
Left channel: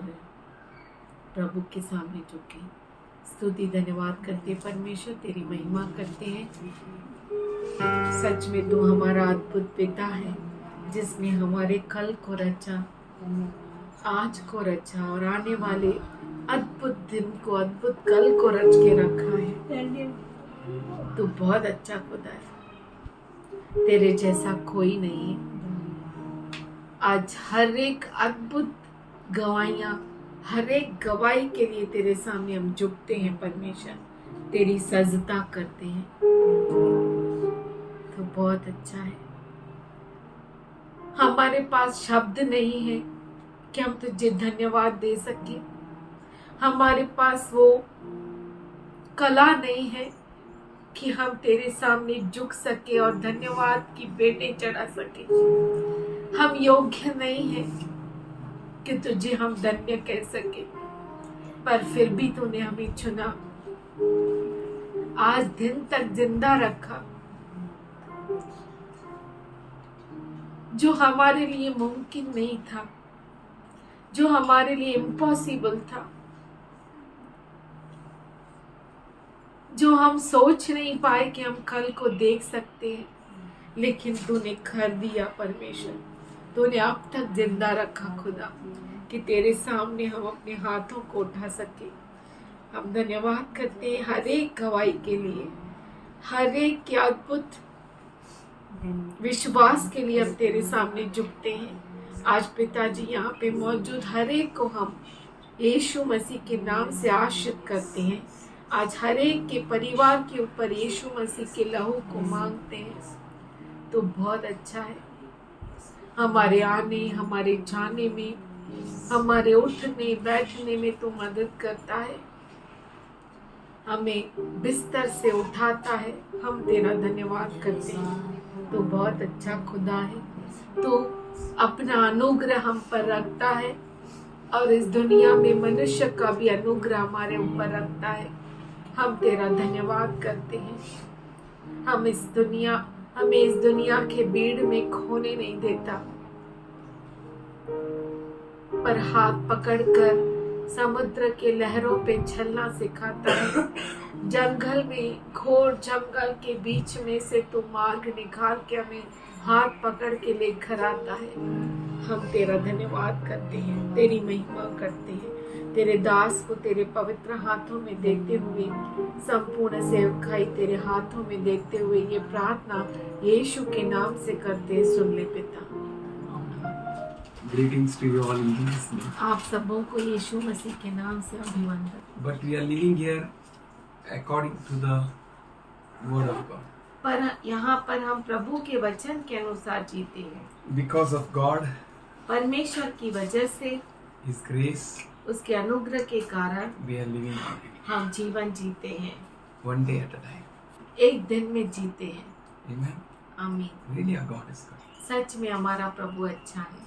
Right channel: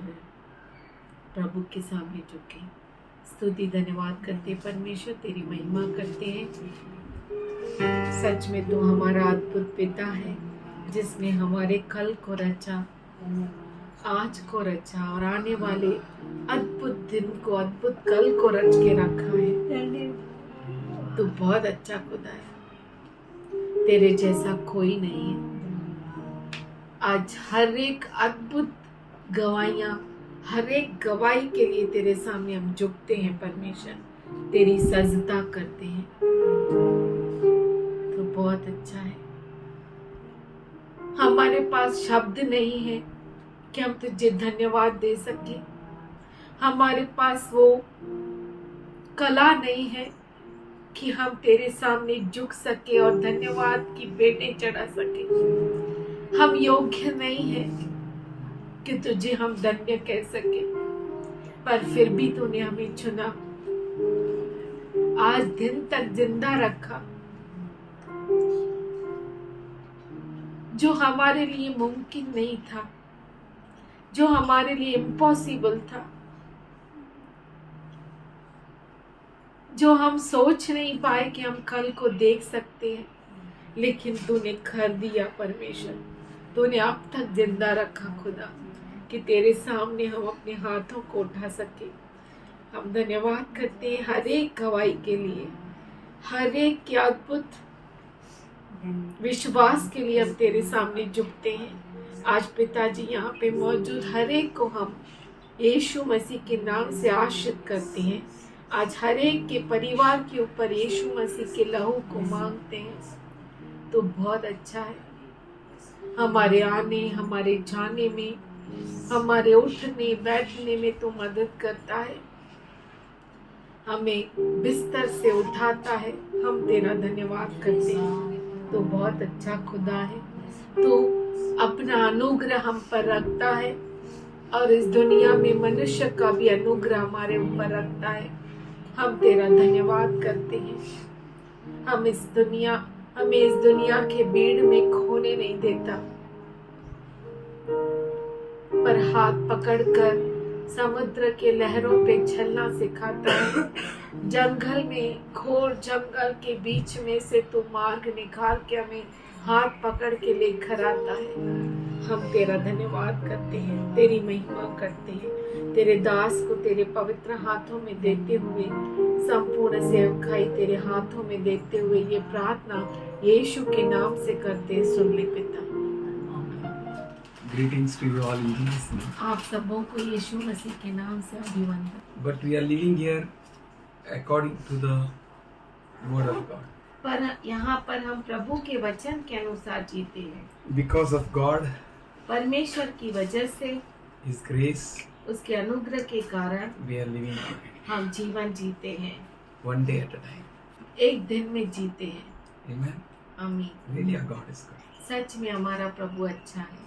प्रभु के सामने झुकें। स्तुति धन्यवाद करते हैं परमेश्वर, तेरी महिमा करते हैं। सच में तू हमारा अद्भुत पिता है जिसने हमारे कल को रचा, आज को रचा और आने वाले अद्भुत दिन को, अद्भुत कल को रच के रखा है। तू बहुत अच्छा खुदा है, तेरे जैसा कोई नहीं है। आज हर एक अद्भुत गवाहियां, हर एक गवाही के लिए तेरे सामने हम झुकते हैं परमेश्वर, तेरी सजदा करते हैं। तो बहुत अच्छा है। हमारे पास शब्द नहीं है कि हम तुझे धन्यवाद दे सके। हमारे पास वो कला नहीं है कि हम तेरे सामने झुक सके और धन्यवाद की बेटे चढ़ा सके। हम योग्य नहीं हैं कि तुझे हम धन्य कह सके, पर फिर भी तूने हमें चुना, आज दिन तक जिंदा रखा। जो हमारे लिए मुमकिन नहीं था, जो हमारे लिए इम्पॉसिबल था, जो हम सोच नहीं पाए कि हम कल को देख सकते हैं, लेकिन तूने कर दिया परमेश्वर। तूने अब तक जिंदा रखा खुदा कि तेरे सामने हम अपने हाथों को उठा सके। हम धन्यवाद करते हैं हर एक गवाही के लिए, हर एक के अद्भुत विश्वास के लिए हम तेरे सामने झुकते हैं। आज पिताजी यहाँ पे मौजूद हर एक को हम यीशु मसीह के नाम से आशीर्वाद करते हैं। आज हर एक के परिवार के ऊपर यीशु मसीह के लहू को मांगते हैं। तो बहुत अच्छा है, हमारे आने, हमारे जाने में, हमारे उठने बैठने में तू मदद करता है, हमें बिस्तर से उठाता है। हम तेरा धन्यवाद करते हैं। तो बहुत अच्छा खुदा है, तो अपना अनुग्रह हम पर रखता है और इस दुनिया में मनुष्य का भी अनुग्रह हमारे ऊपर रखता है। हम तेरा धन्यवाद करते हैं। हमें इस दुनिया के भीड़ में खोने नहीं देता, पर हाथ पकड़कर समुद्र के लहरों पे चलना सिखाता है। जंगल में, घोर जंगल के बीच में से तू मार्ग निकाल के हमें हाथ पकड़ के लेकर आता है। हम तेरा धन्यवाद करते हैं, तेरी महिमा करते हैं। तेरे दास को तेरे पवित्र हाथों में देते हुए, संपूर्ण सेवकाई तेरे हाथों में देते हुए ये प्रार्थना यीशु के नाम से करते, सुन ले पिता। Greetings to you all in Jesus' name. आप सबों को यीशु मसीह के नाम से अभिवंदन। But we are living here according to the word of God. पर यहाँ पर हम प्रभु के वचन के अनुसार जीते हैं। Because of God, परमेश्वर की वजह से, His grace, उसके अनुग्रह के कारण we are living today. हम जीवन जीते हैं, One day at a time. एक दिन में जीते हैं। Amen. आमीन। Really, our God is good. सच में हमारा प्रभु अच्छा है।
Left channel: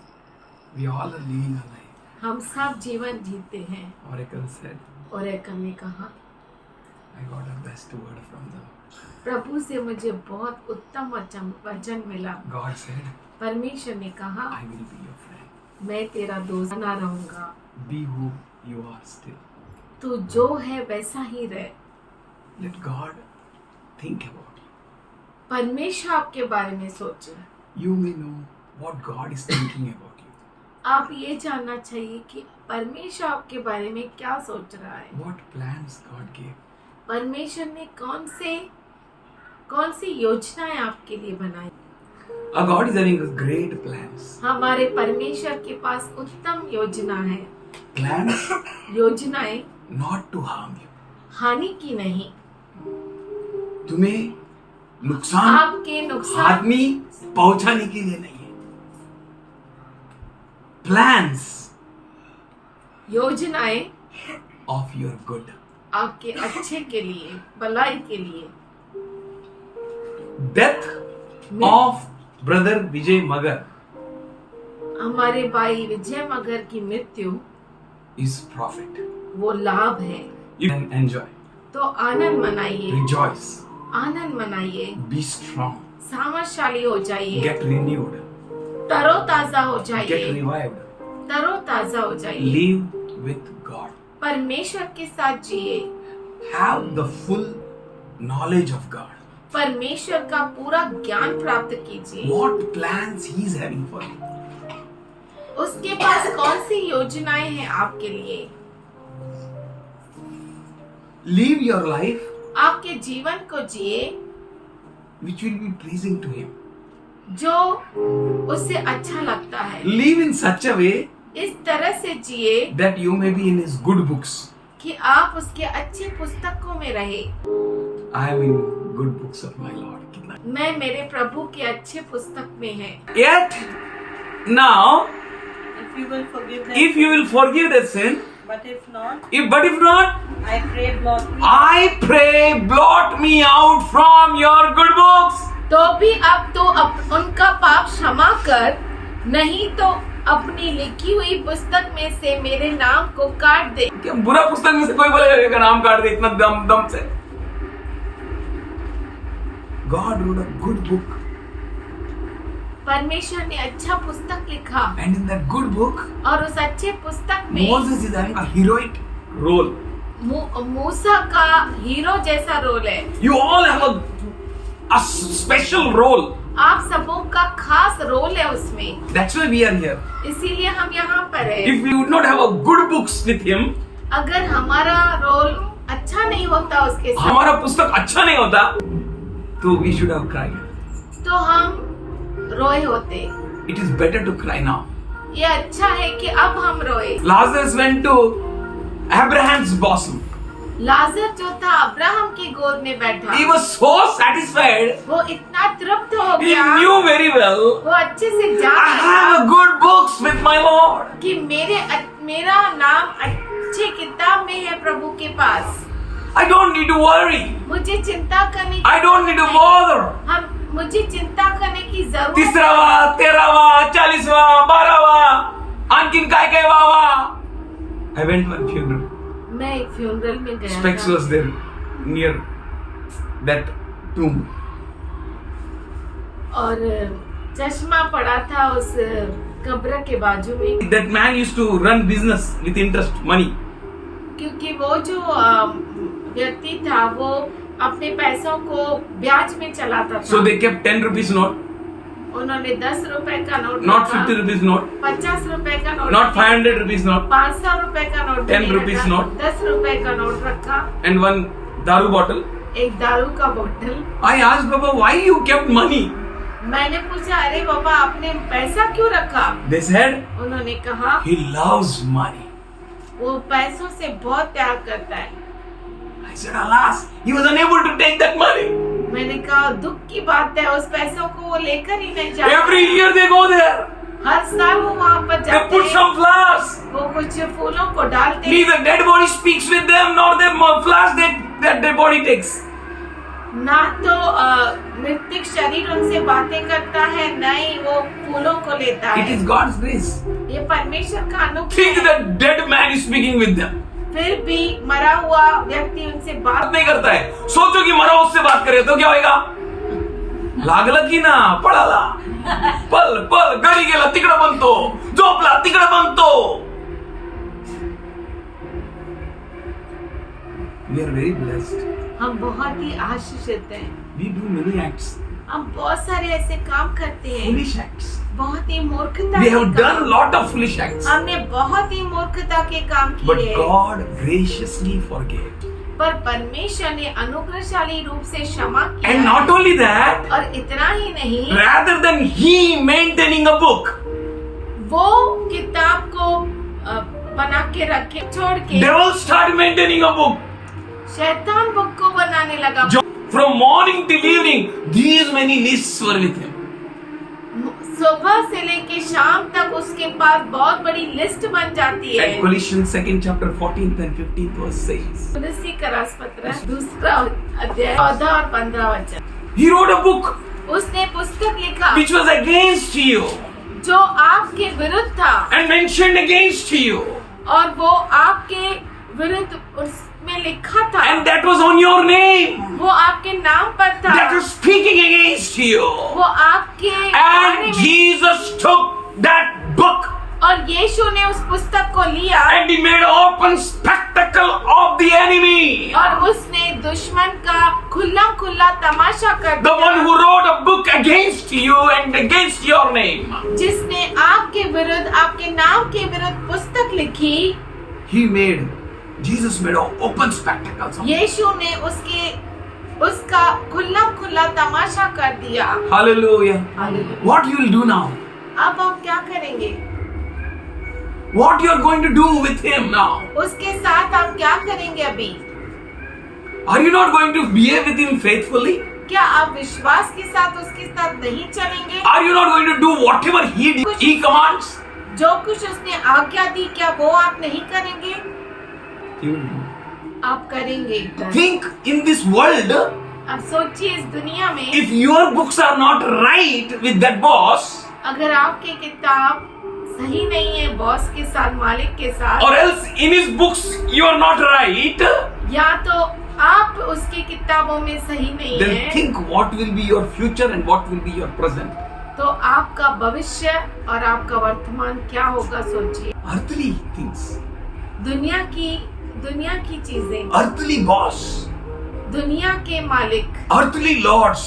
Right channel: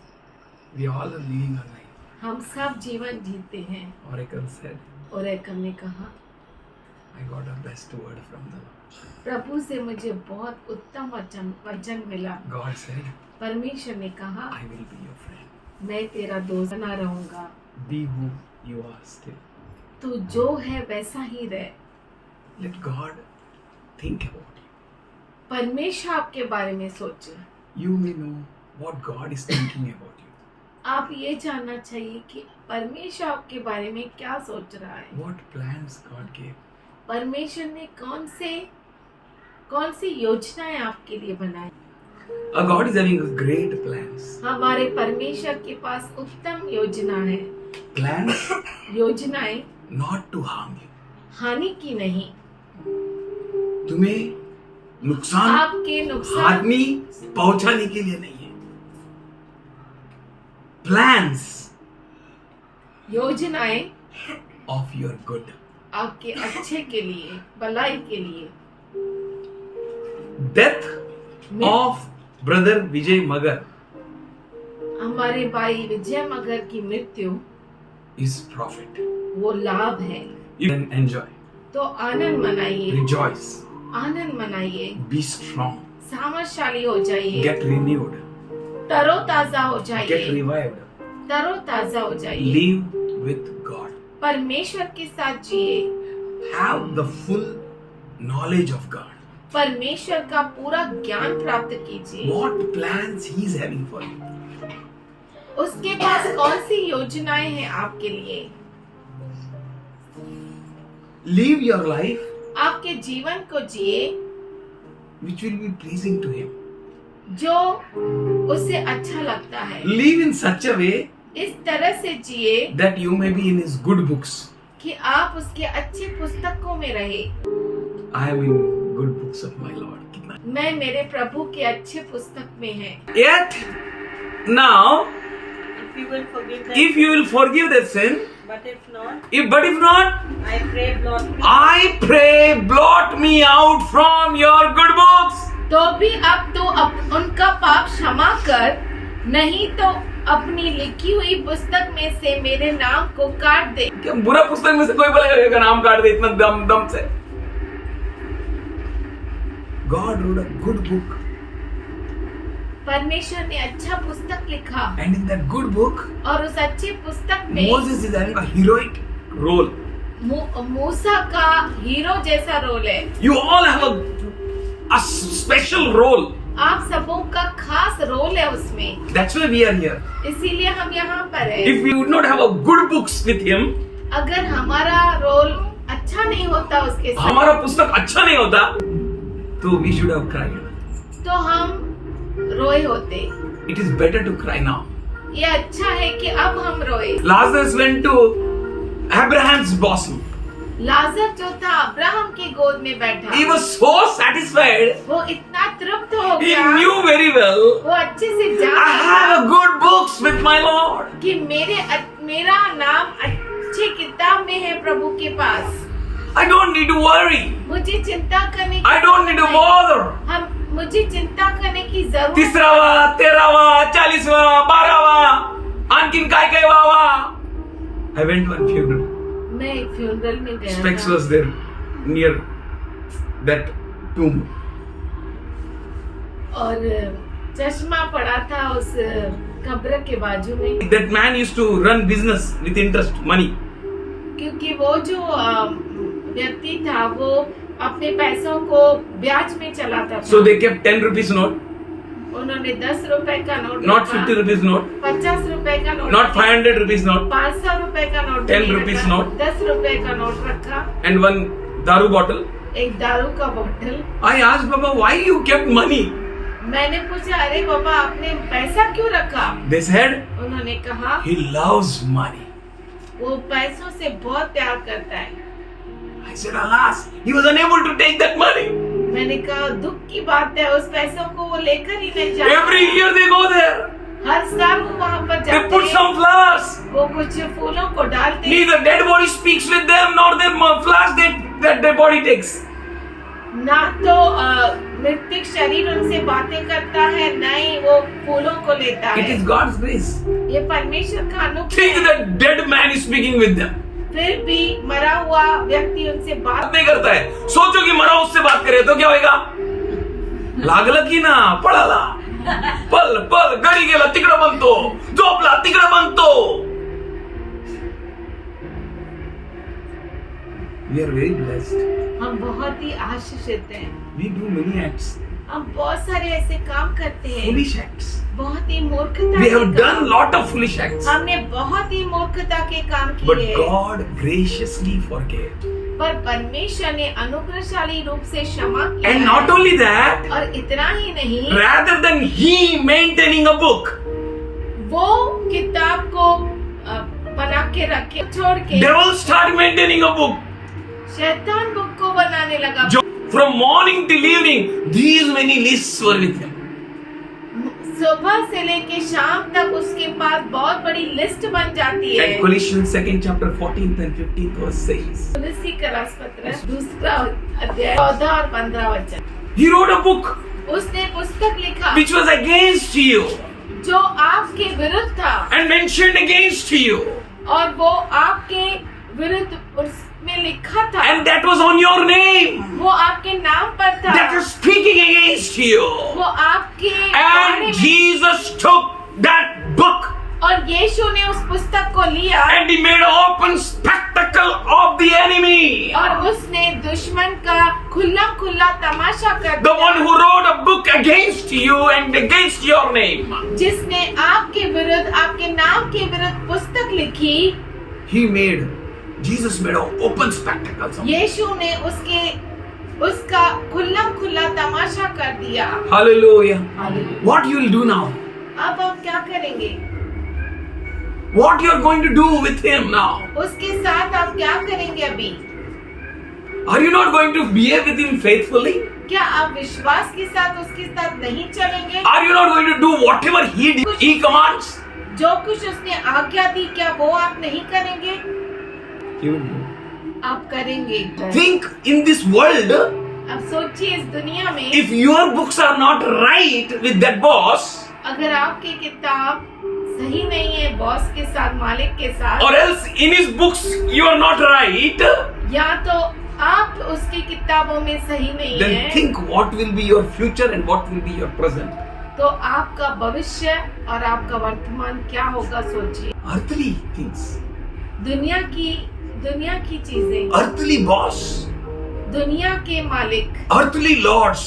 We all are living a life. हम सब जीवन जीते हैं। Oracle said, और एक ने कहा, I got a best word from the Lord. प्रभु से मुझे बहुत उत्तम वचन मिला। God said, परमेश्वर ने कहा, I will be your friend. मैं तेरा दोस्त बना रहूंगा। Be who you are still. तू जो है वैसा ही रह। Let God think about you. परमेश्वर आपके बारे में सोचे। You may know what God is thinking about you. आप ये जानना चाहिए कि परमेश्वर आपके बारे में क्या सोच रहा है। What plans God gave. परमेश्वर ने कौन सी योजनाएं आपके लिए बनाई। Our God is having great plans. हमारे परमेश्वर के पास उत्तम योजना है। Plans योजनाएं not to harm you. हानि की नहीं, तुम्हें नुकसान आपके नुकसान, आदमी पहुंचाने के लिए नहीं है। Plans योजनाएं of your good. आपके अच्छे के लिए, भलाई के लिए। Death of brother Vijay Magar हमारे भाई विजय मगर की मृत्यु is profit. वो लाभ है। You can enjoy, तो आनंद मनाइए, rejoice, आनंद मनाइए, be strong, सामर्थशाली हो जाइए, get renewed, तरोताजा हो get जाइए, revived, तरोताजा हो जाइए, live with God. परमेश्वर के साथ जिए। have the full knowledge of God. परमेश्वर का पूरा ज्ञान प्राप्त कीजिए। What plans He is having for you. उसके पास कौन सी योजनाएं हैं आपके लिए। Live your life आपके जीवन को जिए which will be pleasing to Him. जो उससे अच्छा लगता है। Live in such a way इस तरह से जिए that you may be in His good books. कि आप उसके अच्छे पुस्तकों में रहे। I am in good books of my Lord. कितना मैं मेरे प्रभु के अच्छे पुस्तक में है। Yet now, If you will forgive them, if you will forgive that sin, but if not, but if not, I pray blot me. I pray blot me out from your good books. तो भी अब तो उनका पाप क्षमा कर, नहीं तो अपनी लिखी हुई पुस्तक में से मेरे नाम को काट दे। क्या बुरा पुस्तक में से कोई बोलेगा का नाम काट दे इतना दम से। God wrote a good book, परमेश्वर ने अच्छा पुस्तक लिखा and in that good book, और उस अच्छे पुस्तक में Moses is having a heroic role. मूसा का हीरो जैसा रोल है। You all have a special role. आप सबों का खास रोल है उसमें। That's why we are here. इसीलिए हम यहाँ पर हैं। If we would not have a good books with Him, अगर हमारा रोल अच्छा नहीं होता उसके साथ, हमारा पुस्तक अच्छा नहीं होता, तो we should have cried. तो हम रोए होते। It is better to cry now. ये अच्छा है कि अब हम रोए। Lazarus went to Abraham's bosom. लाजर जो था अब्राहम की गोद में बैठा, He was so satisfied. वो इतना तृप्त हो He गया, knew very well, वो अच्छे से I जानता have था a good books with my Lord. कि मेरा नाम अच्छे किताब में है प्रभु के पास। I don't need to worry. मुझे चिंता करने I don't need to bother. मुझे चिंता करने की जरूरत तिसरावा, 13वा, 40वा, 12वा, आणखीन काय काय वावा. I went to one funeral. मैं एक फ्यूनरल में गया Specs था। was there near that tomb. और चश्मा पड़ा था उस कब्र के बाजू में, That man used to run business with interest money. क्योंकि वो जो व्यक्ति था वो अपने पैसों को ब्याज में चलाता था। So they kept 10 rupees note, उन्होंने 10 रुपए का नोट not रखा, 50 rupees note, 50 रुपए का नोट not रखा, 500 rupees note, 500 रुपए का नोट 10 नहीं rupees रखा, note. 10 रुपए का नोट रखा, and one daru bottle. एक दारू का बोतल। I asked Baba, why you kept money? मैंने पूछा, अरे बाबा आपने पैसा क्यों रखा? They said, उन्होंने कहा he loves money. वो पैसों से बहुत प्यार करता है। I said, alas, he was unable to take that money. मैंने कहा दुख की बात है, उस पैसों को वो लेकर ही नहीं Every जाता। year they go there. हर साल वो वहाँ पर They जाते put हैं, some flowers. वो कुछ फूलों को डालते हैं, Neither dead body speaks with them, nor the flowers that dead body takes. ना तो मृतिक शरीर उनसे बातें करता है, न ही वो फूलों को लेता It is है। God's grace. ये परमेश्वर का अनुग्रह Think है। that dead man is speaking with them. फिर भी मरा हुआ व्यक्ति उनसे बात बात नहीं करता है. सोचो कि मरा उससे बात करे तो क्या होएगा? लागलं की ना पळाला. पल पल घरी गेला तिकडं बनतो, झोपला तिकडं बनतो. We are very blessed. हम बहुत ही आशीषित हैं। We do many acts, हम बहुत सारे ऐसे काम करते हैं, foolish acts. बहुत ही मूर्खता We के have काम। done lot of foolish acts, हमने बहुत ही मूर्खता के काम but किए, God graciously forgave. पर परमेश्वर ने अनुग्रहशाली रूप से क्षमा किया And not only that, और इतना ही नहीं, rather than He maintaining a book, वो किताब को बना के रखे छोड़ के devil start maintaining a book. शैतान बुक को बनाने लगा। From morning till evening, these many lists were with him. सुबह से लेके शाम तक उसके पास बहुत बड़ी लिस्ट बन जाती है। And Colossians 2nd chapter 14th and 15th verse says, तुलसी का राजपत्र 2 अध्याय 14 और 15 वचन। He wrote a book उसने पुस्तक लिखा which was against you जो आपके विरुद्ध था and mentioned against you, और वो आपके विरुद्ध उसमें लिखा था, and that was on your name, वो आपके नाम पर था, that was speaking against you. वो आपके बारे And में- Jesus took that book और यीशु ने उस पुस्तक को लिया and he made an open spectacle of the enemy. और उसने दुश्मन का खुला खुला तमाशा कर The दिया। one who wrote a book against you and against your name. जिसने आपके विरुद्ध, आपके नाम के विरुद्ध पुस्तक लिखी, Jesus made an open spectacle. यीशु ने उसका खुला खुला तमाशा कर दिया। Hallelujah. What you will do now? अब आप क्या करेंगे? What you are going to do with him now? उसके साथ आप क्या करेंगे अभी? Are you not going to behave with him faithfully? क्या आप विश्वास के साथ उसके साथ नहीं चलेंगे? Are you not going to do whatever he commands? जो कुछ उसने आज्ञा दी, क्या वो आप नहीं करेंगे? You will do. आप करेंगे। Think in this world, अब सोचिए इस दुनिया में if your books are not right with that boss, अगर आपकी किताब सही नहीं है बॉस के साथ, मालिक के साथ, or else in his books you are not right, या तो आप उसकी किताबों में सही नहीं then है, think what will be your future and what will be your present. तो आपका भविष्य और आपका वर्तमान क्या होगा सोचिए। Earthly things, दुनिया की चीजें, earthly boss, दुनिया के मालिक, earthly lords,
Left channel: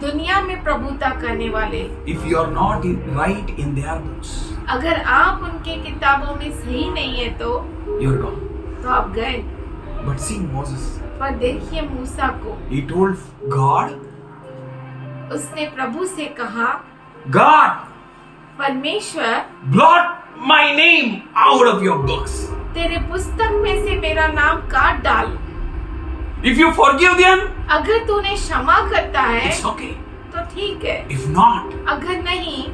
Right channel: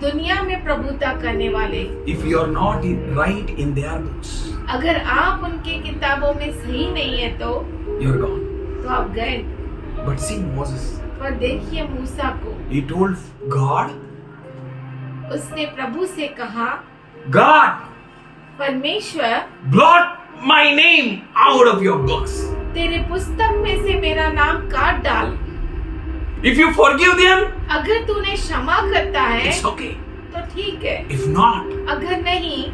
दुनिया में प्रभुता करने वाले, if you are not right in their books, अगर आप उनके किताबों में सही नहीं है तो you are gone. तो आप गए। But see Moses, पर देखिए मूसा को, he told God, उसने प्रभु से कहा, God, परमेश्वर blot my name out of your books. तेरे पुस्तक में से मेरा नाम काट डाल। If you forgive them, अगर तूने क्षमा करता है it's okay. तो ठीक है, If not, अगर नहीं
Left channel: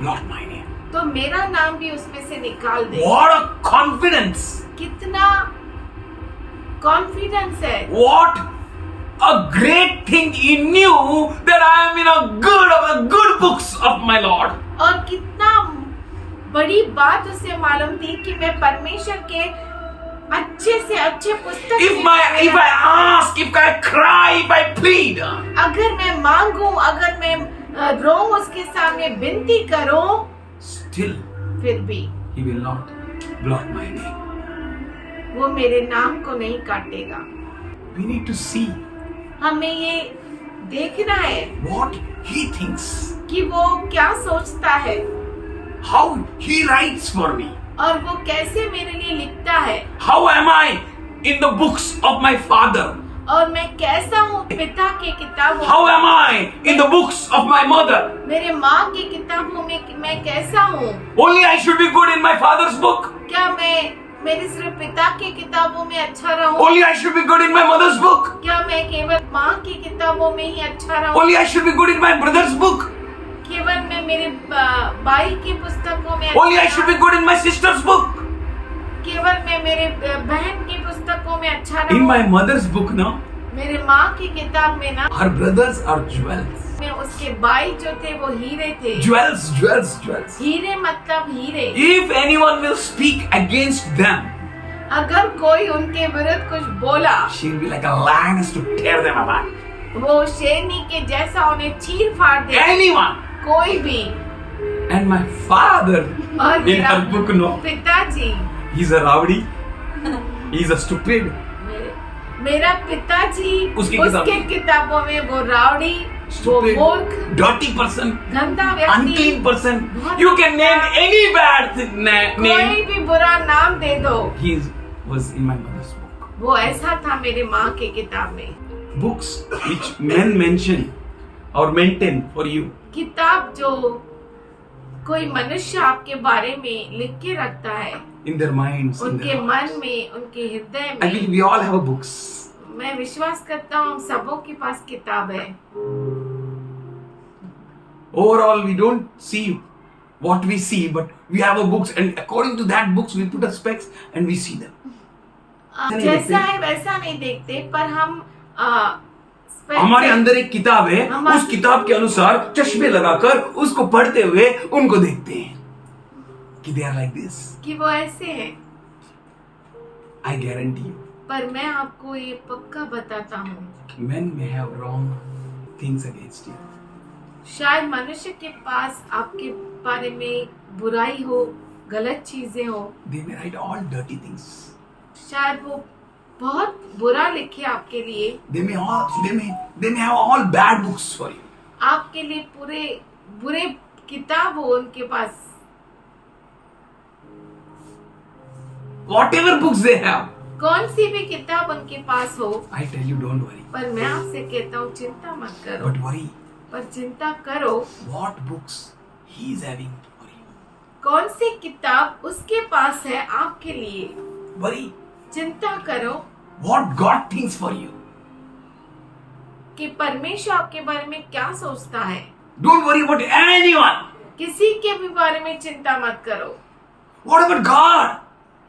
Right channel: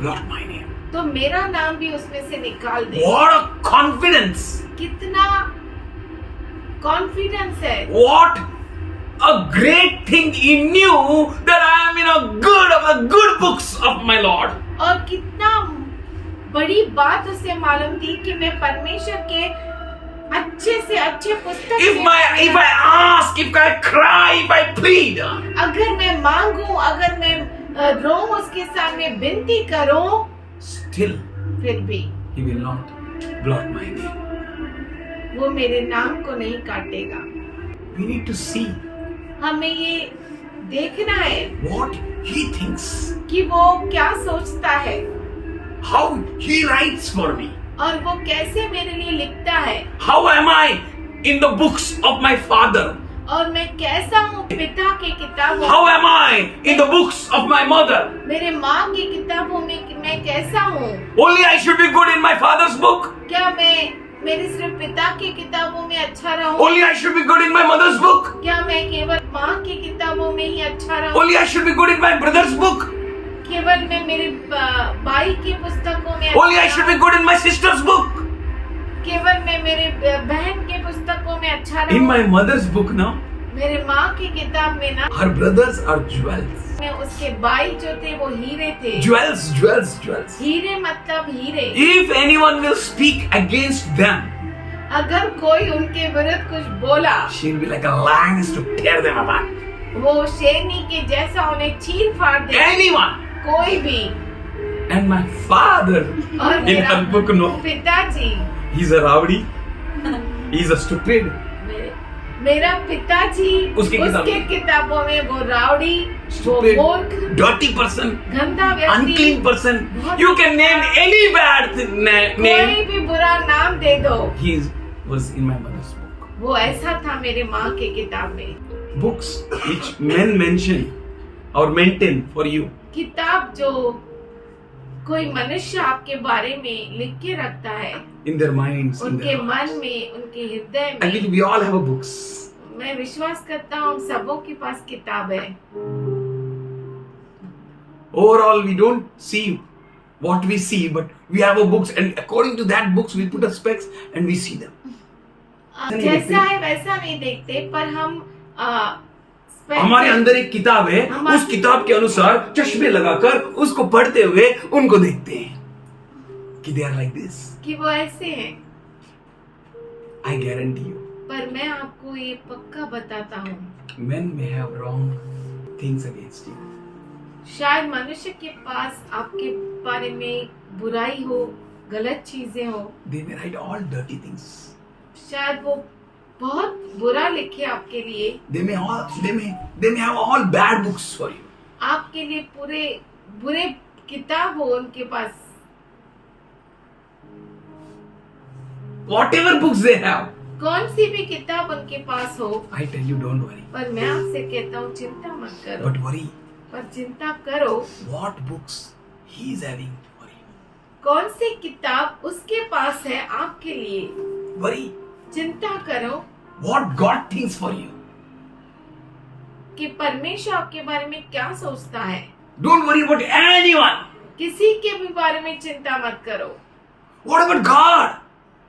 blot my name. तो मेरा नाम भी उसमें से निकाल दे। What a confidence! कितना कॉन्फिडेंस है, What a great thing he knew that I am in the good books of my Lord. और कितना बड़ी बात उसे मालूम थी कि मैं परमेश्वर के अच्छे से अच्छे पुस्तक If I ask, if I cry, if I plead, अगर मैं मांगूं, अगर मैं रोऊं, उसके सामने विनती करूं, still फिर भी he will not blot my name. वो मेरे नाम को नहीं काटेगा। We need to see हमें ये देखना है what he thinks, कि वो क्या सोचता है how he writes for me. और वो कैसे मेरे लिए लिखता है, How am I in the books of my father? और मैं कैसा हूँ पिता की किताबों How am I in the books of my mother? मेरे माँ की किताबों में मैं कैसा हूँ? Only I should be good in my father's book. क्या मैं मेरे सिर्फ पिता की किताबों में अच्छा रहूँ? Only I should be good in my mother's book. क्या मैं केवल माँ की किताबों में ही अच्छा रहूँ? Only I should be good in my brother's book. केवल मैं मेरे भाई की पुस्तकों में Only I should be good in my sister's book. केवल मैं मेरे बहन की पुस्तकों में अच्छा रहूँ? In my mother's book now, मेरे माँ की किताब में ना, her brothers are jewels. में उसके भाई जो थे वो हीरे थे। Jewels, jewels, jewels. हीरे मतलब हीरे। If anyone will speak against them, अगर कोई उनके विरुद्ध कुछ बोला, she will be like a lioness to tear them apart. वो शेरनी के जैसा उन्हें चीर फाड़ दे। Anyone. कोई भी। And my father, और in her book, no, पिताजी, he's a rowdy, he's a stupid. मेरा पिताजी उसकी उसके किताबों में वो रावड़ी, वो Stupid, मूर्ख, dirty person, गंदा व्यक्ति, unclean person. बहुत You can name any bad name. कोई भी बुरा नाम दे दो। He was in my mother's book. वो ऐसा था मेरे माँ के किताब में। Books which men mention or maintain for you. किताब जो कोई मनुष्य आपके बारे में लिख के रखता है, In their minds, in उनके their मन hearts. में, उनके हृदय I believe में। we all have a books. मैं विश्वास करता हूँ हम सबों के पास किताब है। Overall, we don't see what we see, but we have a books, and according to that books, we put a specs and we see them. नहीं जैसा देखते। है वैसा नहीं देखते, पर हम हमारे अंदर एक किताब है, उस किताब के अनुसार चश्मे लगाकर उसको पढ़ते हुए उनको देखते हैं कि they are like this. कि वो ऐसे हैं। I guarantee you, पर मैं आपको ये पक्का बताता हूँ, men may have wrong things against you. शायद मनुष्य के पास आपके बारे में बुराई हो, गलत चीजें हो, They may write all dirty things. शायद वो बहुत बुरा लिखे आपके लिए, They may have all bad books for you. आपके लिए पूरे बुरे किताब हो उनके पास, Whatever books they have, कौन सी भी किताब उनके पास हो, I tell you, don't worry. पर मैं आपसे कहता हूँ चिंता मत करो, But worry पर चिंता करो what books he is having for you. कौन सी किताब उसके पास है आपके लिए। Worry चिंता करो what God thinks for you. कि परमेश्वर आपके बारे में क्या सोचता है। Don't worry about anyone. किसी के भी बारे में चिंता मत करो। What about God?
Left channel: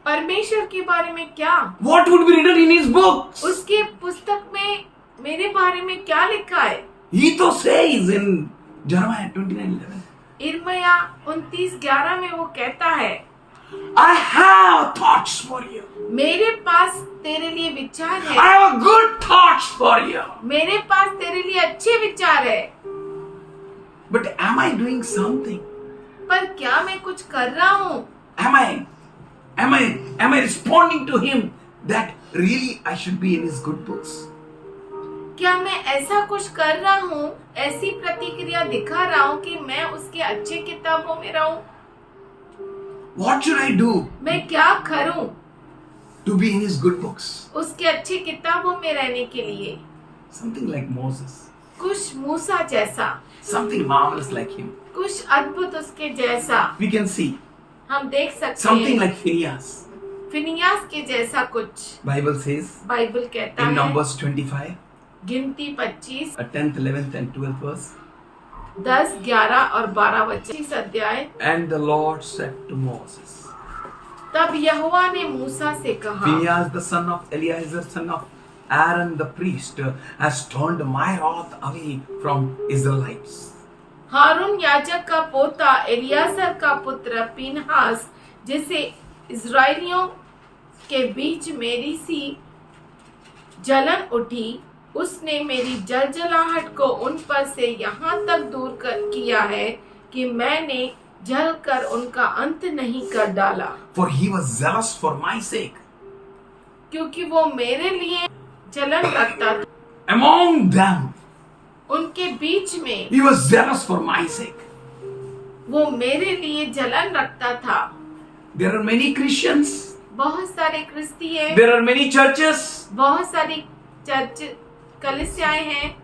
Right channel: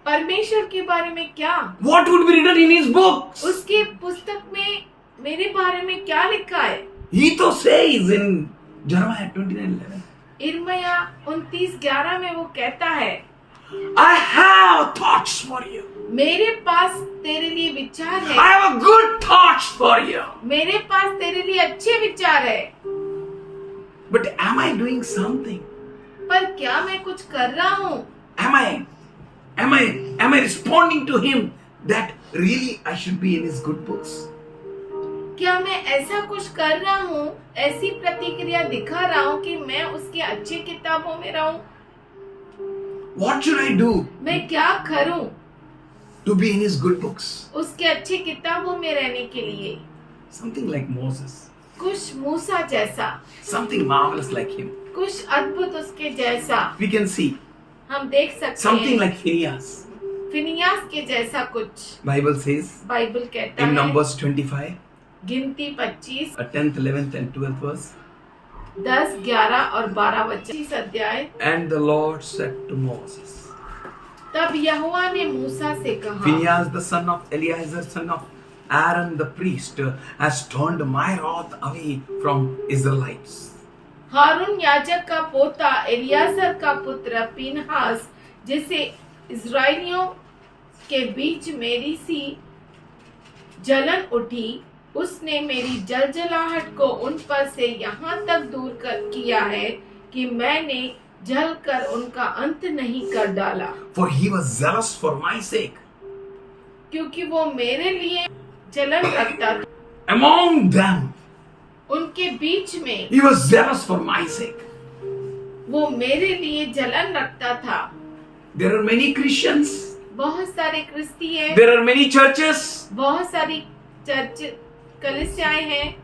परमेश्वर के बारे में क्या, What would be written in his books? उसकी पुस्तक में मेरे बारे में क्या लिखा है। He तो says in Jeremiah 29:11. इर्मिया 29:11 में वो कहता है, I have thoughts for you. मेरे पास तेरे लिए विचार I है, have a good thoughts for you. मेरे पास तेरे लिए अच्छे विचार है। But am I doing something? पर क्या मैं कुछ कर रहा हूँ? Am I responding to him that really I should be in his good books? क्या मैं ऐसा कुछ कर रहा हूँ, ऐसी प्रतिक्रिया दिखा रहा हूँ कि मैं उसके अच्छे किताबों में रहूं? What should I do मैं क्या करूं to be in his good books? उसके अच्छे किताबों में रहने के लिए? Something like Moses. कुछ मूसा जैसा, Something marvelous like him. कुछ अद्भुत उसके जैसा We can see. हम देख सकते Something हैं। like Phineas. फिनियास के जैसा कुछ Bible says बाइबल कहता in है। Numbers 25, गिनती 25, 10th, 11th and 12th verse. 10, 11 और 12 वचन, इस अध्याय। And the Lord said to Moses, तब यहोवा ने मूसा से कहा, Phinehas the son of Eleazar son of Aaron the priest has turned my wrath away from Israelites. हारून याजक का पोता एलियाजर का पुत्र पीनहास, जिसे इस्राएलियों के बीच मेरी सी जलन उठी, उसने मेरी जलजलाहट को उन पर से यहाँ तक दूर किया है कि मैंने जलकर उनका अंत नहीं कर डाला। For he was zealous for my sake. क्योंकि वो मेरे लिए जलन रखता था, Among them, उनके बीच में he was zealous for my sake. वो मेरे लिए जलन रखता था। There are many Christians. बहुत सारे क्रिस्ती हैं, There are many churches. बहुत सारी चर्च कलीसियाएं हैं,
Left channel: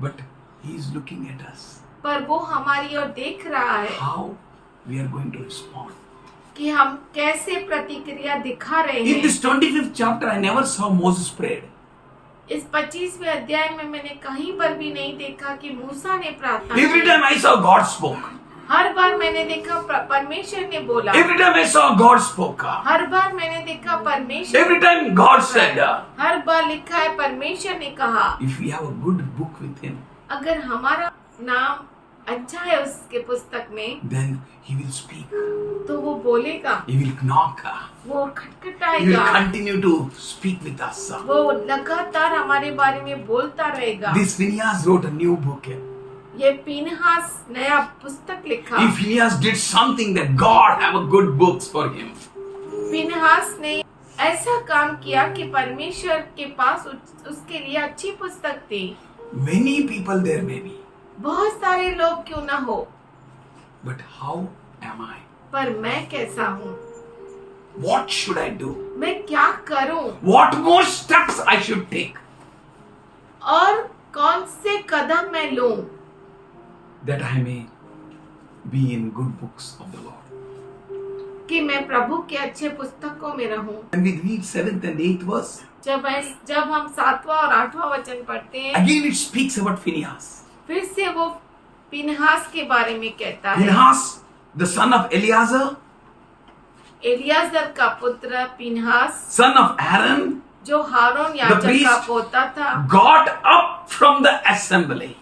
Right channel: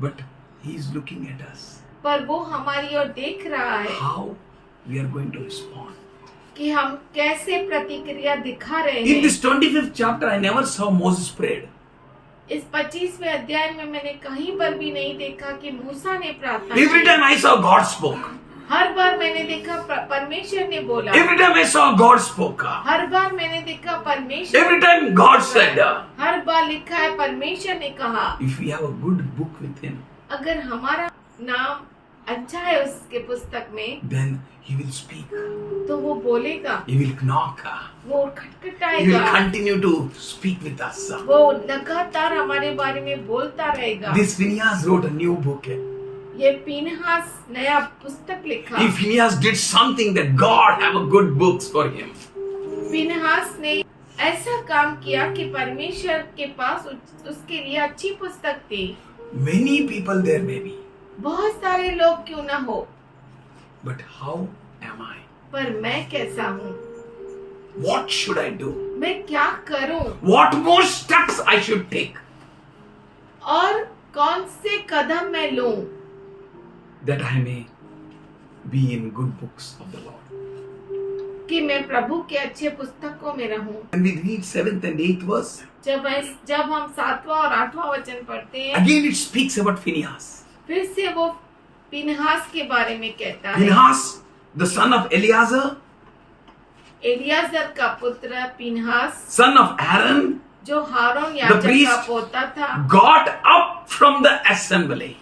But he is looking at us. पर वो हमारी ओर देख रहा है How we are going to respond. कि हम कैसे प्रतिक्रिया दिखा रहे In हैं। this 25th chapter, I never saw Moses prayed. इस 25वें अध्याय में मैंने कहीं पर भी नहीं देखा कि मूसा ने प्रार्थना Every की। time I saw God spoke. हर बार मैंने देखा परमेश्वर ने बोला। Every time I saw God spoke. हर बार मैंने देखा परमेश्वर। Every time God said, हर बार लिखा है परमेश्वर ने कहा। if we have a good book with him, अगर हमारा नाम अच्छा है उसके पुस्तक में, then he will speak. तो वो बोलेगा, He will knock. वो He will खटखटाएगा, continue to speak with us. वो लगातार हमारे बारे में बोलता रहेगा। This Phineas wrote a new book. ये पीनहास नया पुस्तक लिखा। If Phineas did something, that God have a good books for him. Phinehas ने ऐसा काम किया कि परमेश्वर के पास उसके लिए अच्छी पुस्तक थी। Many people there may be, बहुत सारे लोग क्यों ना हो, but how am I? पर मैं कैसा हूँ? What should I do? मैं क्या करूँ? What more steps I should take और कौन से कदम मैं लूँ that I may be in good books of the Lord? कि मैं प्रभु के अच्छे पुस्तकों में रहूं? When we read 7th and 8th verse, जब हम 7वां और 8वां वचन पढ़ते हैं, again it speaks about Phineas. फिर से वो पीनहास के बारे में कहता है। Phinehas, the son of Eleazar, Eliezer का पुत्र पीनहास, son of Aaron, जो हारून the याजक का priest, पोता था, got up from the assembly.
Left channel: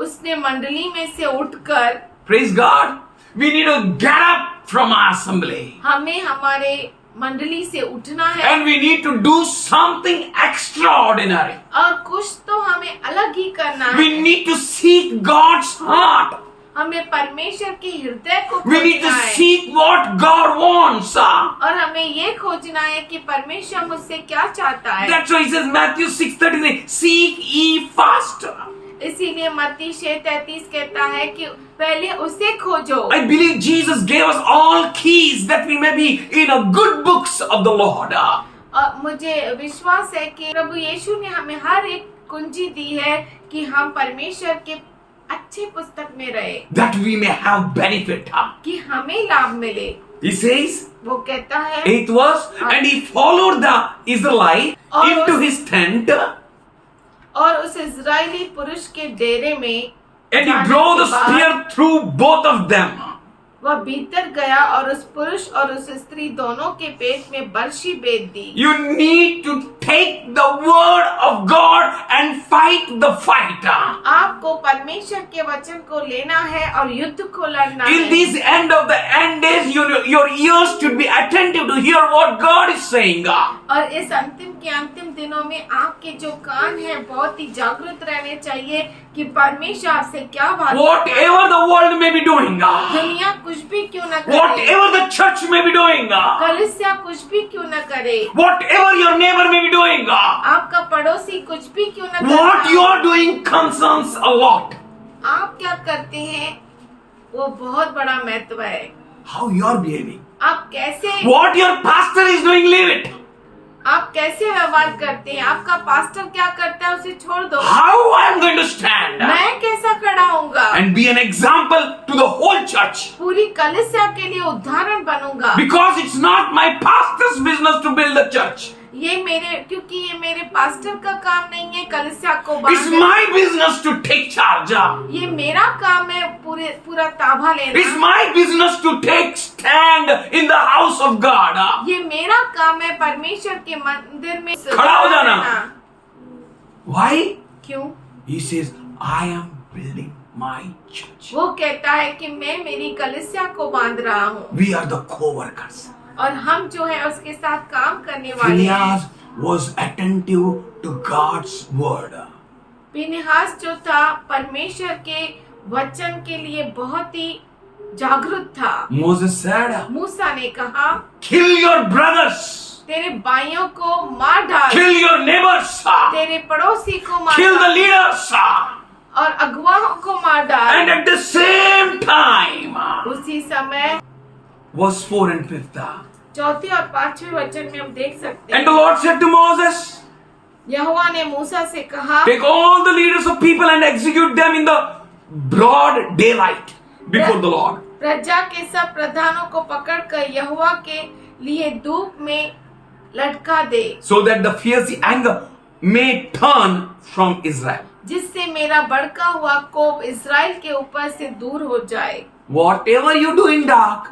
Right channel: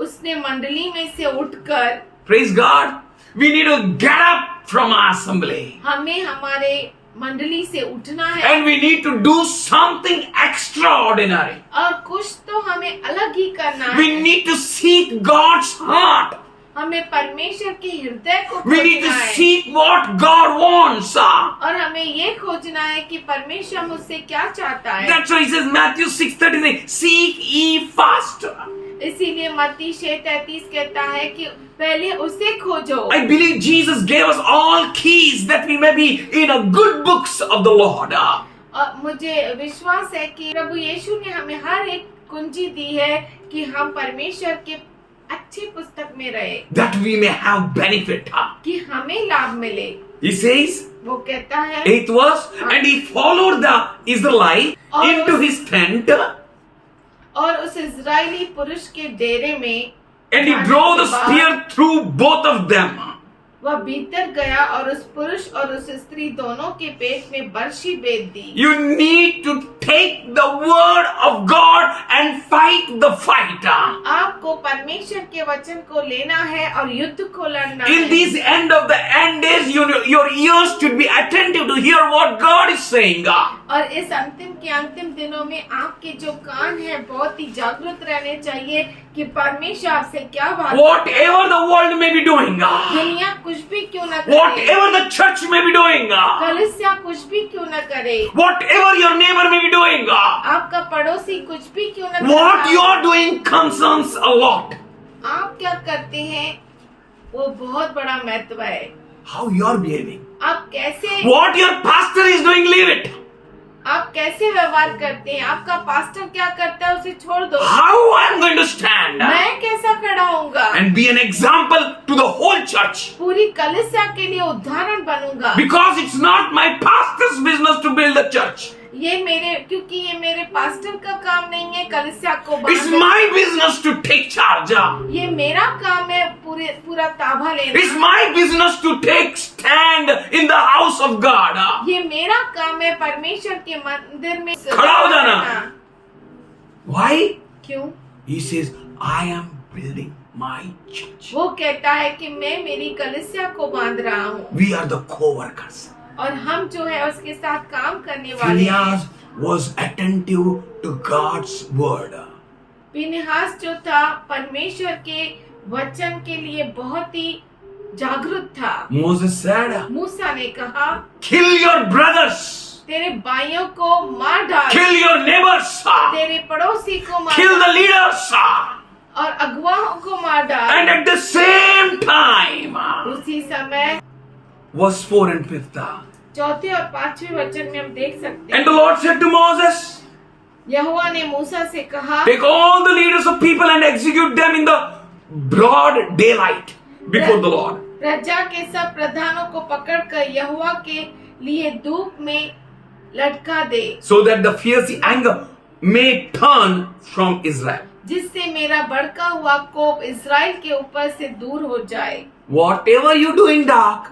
उसने मंडली में से उठकर, Praise God. We need to get up from our assembly. हमें हमारे मंडली से उठना है And we need to do something extraordinary. और कुछ तो हमें अलग ही करना We है। need to seek God's heart. हमें परमेश्वर के हृदय को We need to खोजना है seek what God wants. और हमें ये खोजना है कि परमेश्वर मुझसे क्या चाहता है। That's why he says Matthew 6:39, seek ye first. इसीलिए मत्ती 6:33 कहता है कि पहले उसे खोजो। I believe Jesus gave us all keys that we may be in a good books of the Lord. और मुझे विश्वास है कि प्रभु यीशु ने हमें हर एक कुंजी दी है कि हम परमेश्वर के अच्छे पुस्तक में रहे, That we may have benefit. कि हमें लाभ मिले। He says, वो कहता है 8th verse, and he followed the Israelite into his tent, और उस इजरायली पुरुष के डेरे में and he drove the spear through both of them. वह भीतर गया और उस पुरुष और उस स्त्री दोनों के पेट में बर्छी बेध दी। You need to take the word of God and fight the fight. आपको परमेश्वर के वचन को लेना है और युद्ध को लड़ना In है। these end of the end days, your ears should be attentive to hear what God is saying. और इस अंतिम के अंतिम दिनों में आपके जो कान है बहुत ही जागरूक रहने चाहिए कि परमेश्वर आपसे क्या बात Whatever the world may be doing, दुनिया कुछ भी क्यों न करे, whatever the church may be doing, कलीसिया कुछ भी क्यों न करे, whatever your neighbor may be doing, आपका पड़ोसी कुछ भी क्यों न what you करे, are doing concerns a lot. आप क्या करते हैं वो बहुत बड़ा महत्व है। How you are behaving, आप कैसे what your pastor is doing, leave it. आप कैसे व्यवहार करते हैं, आपका पास्टर क्या करता है उसे छोड़ दो। How I am going to stand मैं कैसा खड़ा होऊंगा and be an example to the whole church. पूरी कलीसिया के लिए उदाहरण बनूंगा। Because it's not my pastor's business to build the church. क्योंकि ये मेरे पास्टर का काम नहीं है कलीसिया को It's banana. my business to take charge. ये मेरा काम है पूरा ताबा लेना। It's my business to take stand in the house of God. ये मेरा काम है परमेश्वर के मंदिर में खड़ा हो जाना। Why? क्यों? He says, I am building my church. वो कहता है कि मैं मेरी कलीसिया को बांध रहा हूँ We are the co-workers. और हम जो है उसके साथ काम करने वाले हैं। Phineas was attentive to God's word. फिनेहास जो था परमेश्वर के वचन के लिए बहुत ही जागरूक था। Moses said, मूसा ने कहा kill your brothers, तेरे भाइयों को मार डाल, kill your neighbors, तेरे पड़ोसी को मार kill the डाल leaders. और अगुवाओं को मार डाल। And at the same time, उसी समय verse 4 and 5. चौथे और पांचवें वचन में हम देख सकते And the हैं Lord said to Moses, यहोवा ने मूसा से कहा take all the leaders of people and execute them in the broad daylight before the Lord. प्रजा के सब प्रधानों को पकड़कर यहोवा के लिए धूप में लटका दे, So that the fierce anger may turn from Israel. जिससे मेरा भड़का हुआ कोप इस्राएल के ऊपर से दूर हो जाए। Whatever you do in dark,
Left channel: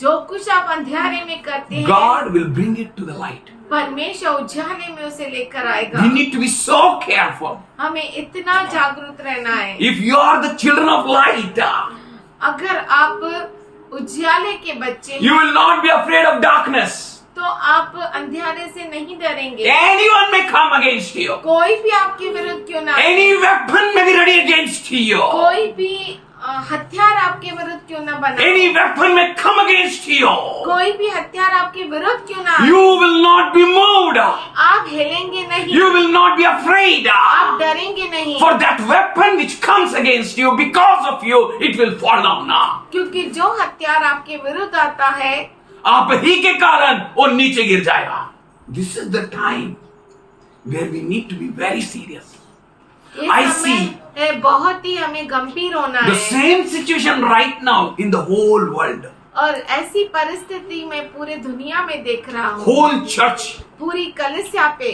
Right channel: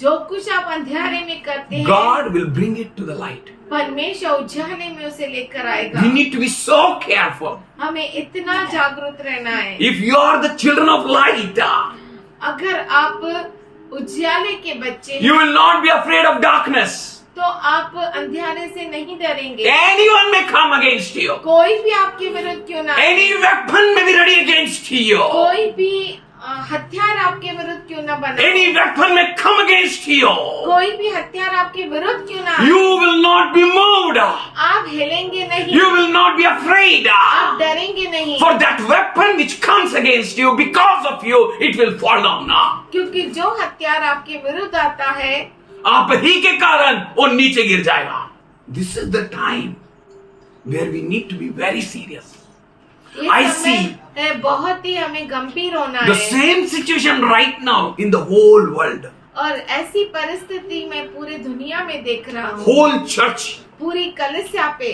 जो कुछ आप अंधेरे में करते हैं God will bring it to the light. परमेश्वर उजाले में उसे लेकर आएगा। We need to be so careful. हमें इतना जागरूक रहना है। If you are the children of light, अगर आप उजाले के बच्चे हैं, you will not be afraid of darkness. तो आप अंधेरे से नहीं डरेंगे। Anyone may come against you. कोई भी आपके विरुद्ध क्यों ना आए, Any weapon may be ready against you. कोई भी हथियार आपके विरुद्ध क्यों ना बने, Any weapon may come against you. कोई भी हथियार आपके विरुद्ध क्यों ना आए, You will not be moved. आप हिलेंगे नहीं, You will not be afraid. आप डरेंगे नहीं, For that weapon which comes against you, because of you, it will fall down. क्योंकि जो हथियार आपके विरुद्ध आता है आप ही के कारण वो नीचे गिर जाएगा. This is the time where we need to be very serious. ये I समय see है बहुत ही हमें गंभीर होना the है। same situation right now in the whole world. और ऐसी परिस्थिति में पूरे दुनिया में देख रहा हूँ, Whole church, पूरी कलीसिया पे,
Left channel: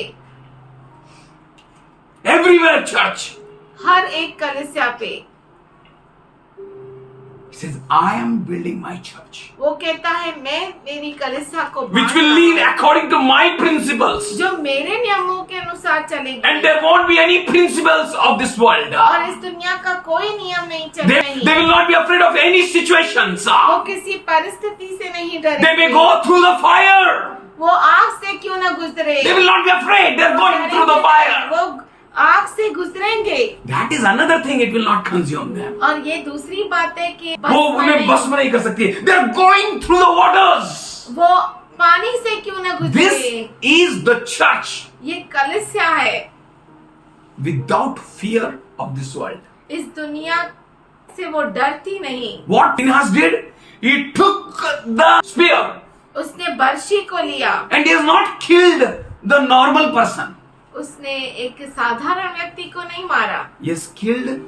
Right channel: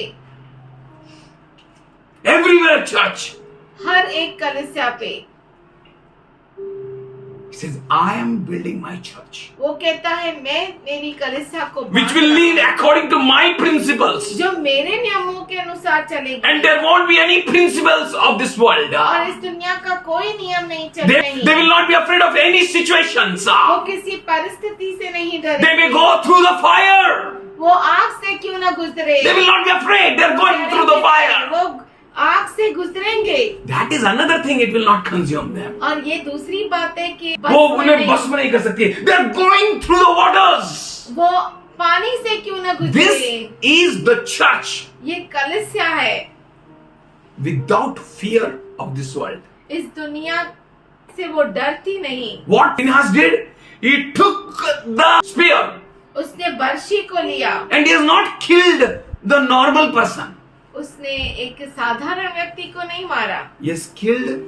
everywhere church. हर एक कलीसिया पे He says, I am building my church, वो कहता है मैं मेरी कलीसिया को which बांध will रहा lead हूँ, according to my principles. जो मेरे नियमों के अनुसार चलेगी। And there won't be any principles of this world. और इस दुनिया का कोई नियम नहीं They चलेगा। will not be afraid of any situations. वो किसी परिस्थिति से नहीं They may डरेंगे। go through the fire. वो आग से क्यों ना गुजरे, They will not be afraid. They are going through the fire. वो आग से गुजरेंगे। That is another thing, it will not consume them. और ये दूसरी बात है कि वो उन्हें बस में नहीं कर सकती। They are going through the waters. वो पानी से क्यों न गुजरे। This is the church ये कलीसिया है without fear of this world. इस दुनिया से वो डरती नहीं। What Phinehas did? He took the spear उसने बर्शी को लिया and he has not killed the normal person. उसने एक साधारण व्यक्ति को नहीं मारा, He has killed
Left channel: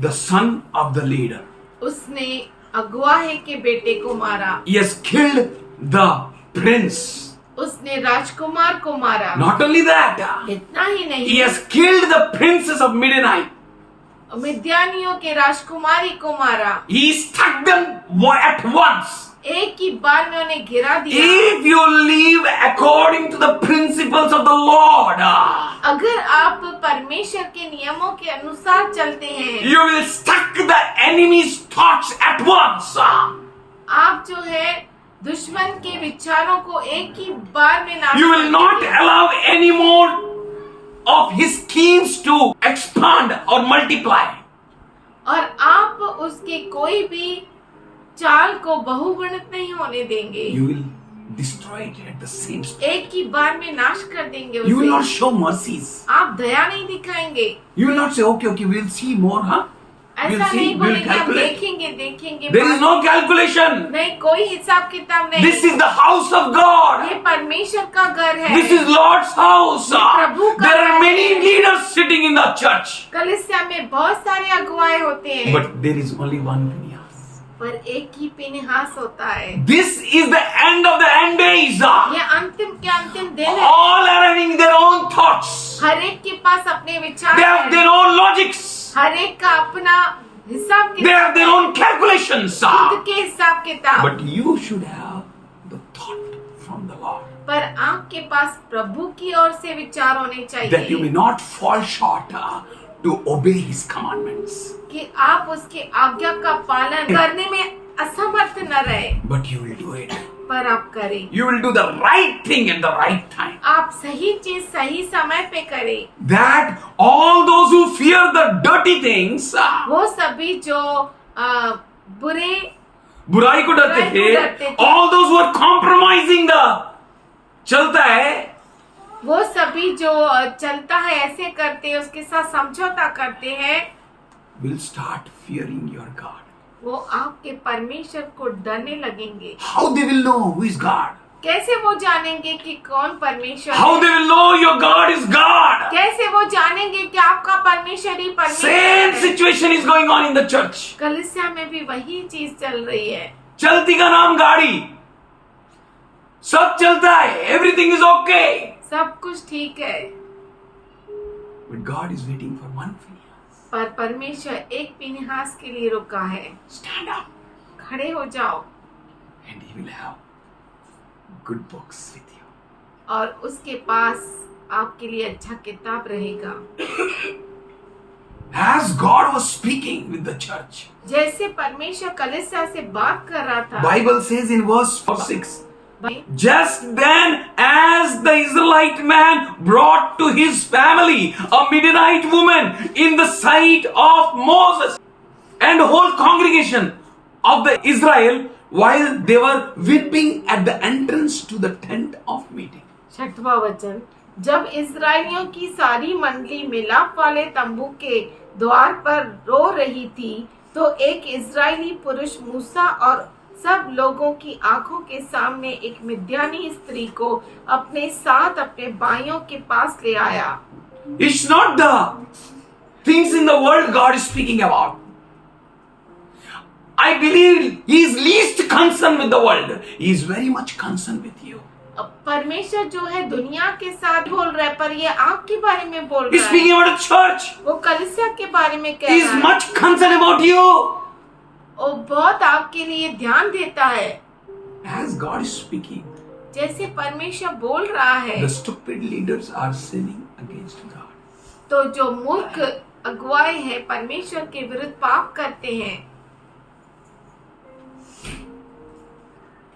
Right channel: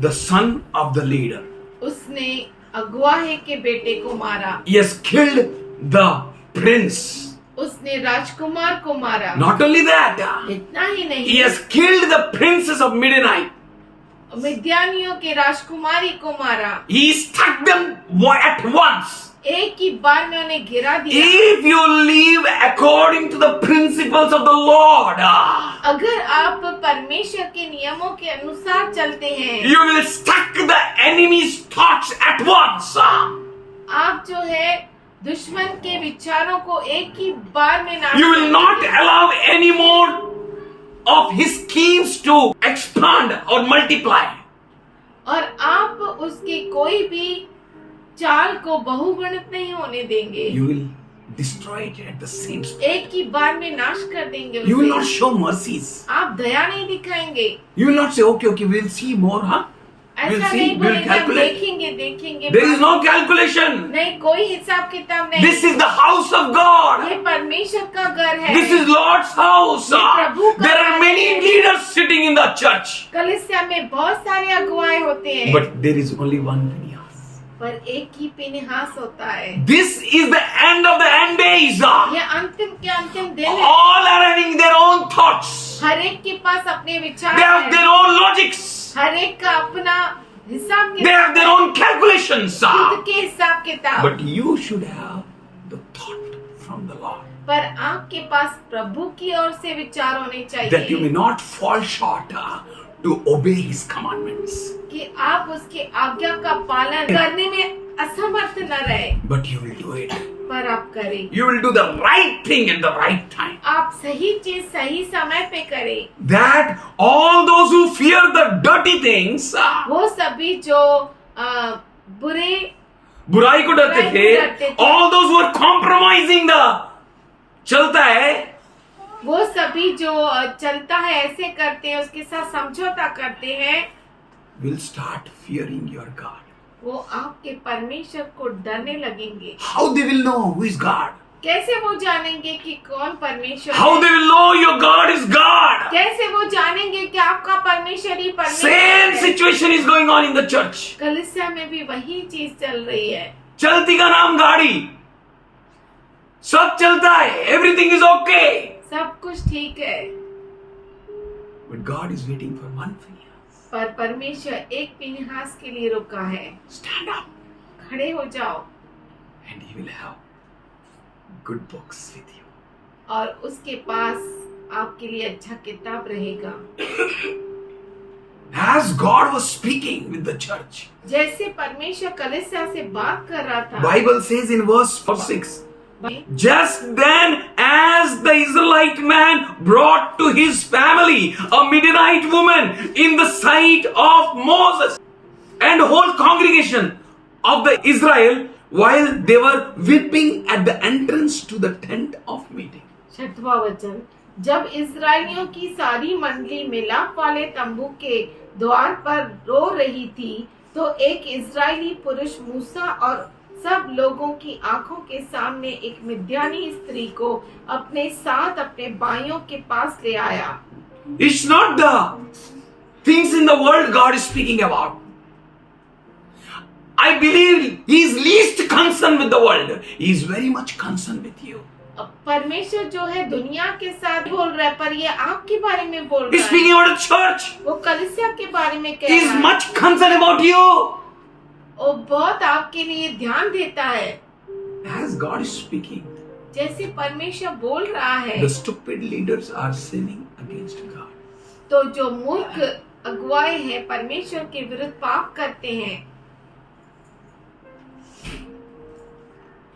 the son of the leader. उसने अगुवाहे के बेटे को मारा, He has killed the prince. उसने राजकुमार को मारा। Not only that, इतना ही he नहीं, has killed the princess of Midianite. मिद्यानियों के राजकुमारी को मारा। He struck them at once. एक ही बार में उन्हें गिरा दिया। If you live according to the principles of the Lord, अगर आप परमेश्वर के नियमों के अनुसार चलते हैं, you will struck the enemy's thoughts at once. आप जो है दुश्मन के विचारों को एक ही बार में नाश You will not allow any more of his schemes to expand or multiply. और आप उसके कोई भी चाल को बहुगुणित नहीं होने देंगे। You will destroy it at the same speed. एक ही बार में नाश कर देंगे You will उसे। not show mercies. आप दया नहीं दिखाएंगे। You will not say, okay, we will see more, huh? We'll ऐसा see, नहीं we will बोलेंगे, हम calculate. देखेंगे There is no calculation. नहीं, कोई हिसाब किताब नहीं। This is the house of God. ये परमेश्वर का घर है। This is Lord's house. प्रभु का There are घर many है। leaders sitting in the church. कलीसिया में बहुत सारे अगुवाए होते हैं, But there is only one Phinehas. पर एक ही फिनेहास होता है। This is the end of the end days. ये अंतिम के अंतिम दिन है। All are having their own thoughts. हर एक के पास अपने विचार They have हैं। their own logics. हर एक का अपना हिसाब They have their own calculations. खुद के हिसाब किताब। But you should have the thought from the Lord. पर आपके पास प्रभु की ओर से विचार होने That you may चाहिए not fall short to obey His commandments. कि आप उसके आज्ञा का पालन करने में असमर्थ न रहे, But you will do it. पर आप करें। You will do the right thing at the right time. आप सही चीज सही समय पे करें। That all those who fear the dirty things, वो सभी जो बुरे बुराई को डरते बुराई को डरते थे, थे। all those who are compromising the चलता है, वो सभी जो चलता है ऐसे करते हैं, उसके साथ समझौता करते हैं, will start fearing your God. वो आपके परमेश्वर को डरने लगेंगे। How they will know who is God? कैसे वो जानेंगे कि कौन परमेश्वर How है? they will know your God is God? कैसे वो जानेंगे कि आपका परमेश्वर ही परमेश्वर Same है? situation is going on in the church. कलीसिया में भी वही चीज चल रही है। चलती का नाम गाड़ी, सब चलता है, everything is okay. सब कुछ ठीक है, But God is waiting for one Phinehas. पर परमेश्वर एक फिनेहास के लिए रुका है। Stand up खड़े हो जाओ and He will have good books with you. और उसके पास आपके लिए अच्छा किताब रहेगा। As God was speaking with the church, जैसे परमेश्वर कलीसिया से बात कर रहा था, Bible says in verse 6, just then as the Israelite man brought to his family a Midianite woman in the sight of Moses and whole congregation of the Israel while they were weeping at the entrance to the tent of meeting. 6वां वचन, जब इस्राएलियों की सारी मंडली मिलाप वाले तंबू के द्वार पर रो रही थी, तो एक इस्राएली पुरुष मूसा और सब लोगों की आंखों के सामने एक मिद्यानी स्त्री को अपने साथ अपने भाइयों के पास ले आया। It's not the things in the world God is speaking about. I believe He is least concerned with the world. He is very much concerned with you. परमेश्वर जो है दुनिया के साथ बोल रहा है, पर ये आपके बारे में बोल He is रहा speaking है। about the church. वो कलीसिया के बारे में कह He रहा is है। much concerned about you. वो बहुत आपके लिए ध्यान देता है। As God is speaking, जैसे परमेश्वर बोल रहा है, the stupid leaders are sinning against God. तो जो मूर्ख अगुवाए हैं परमेश्वर के विरुद्ध पाप करते हैं,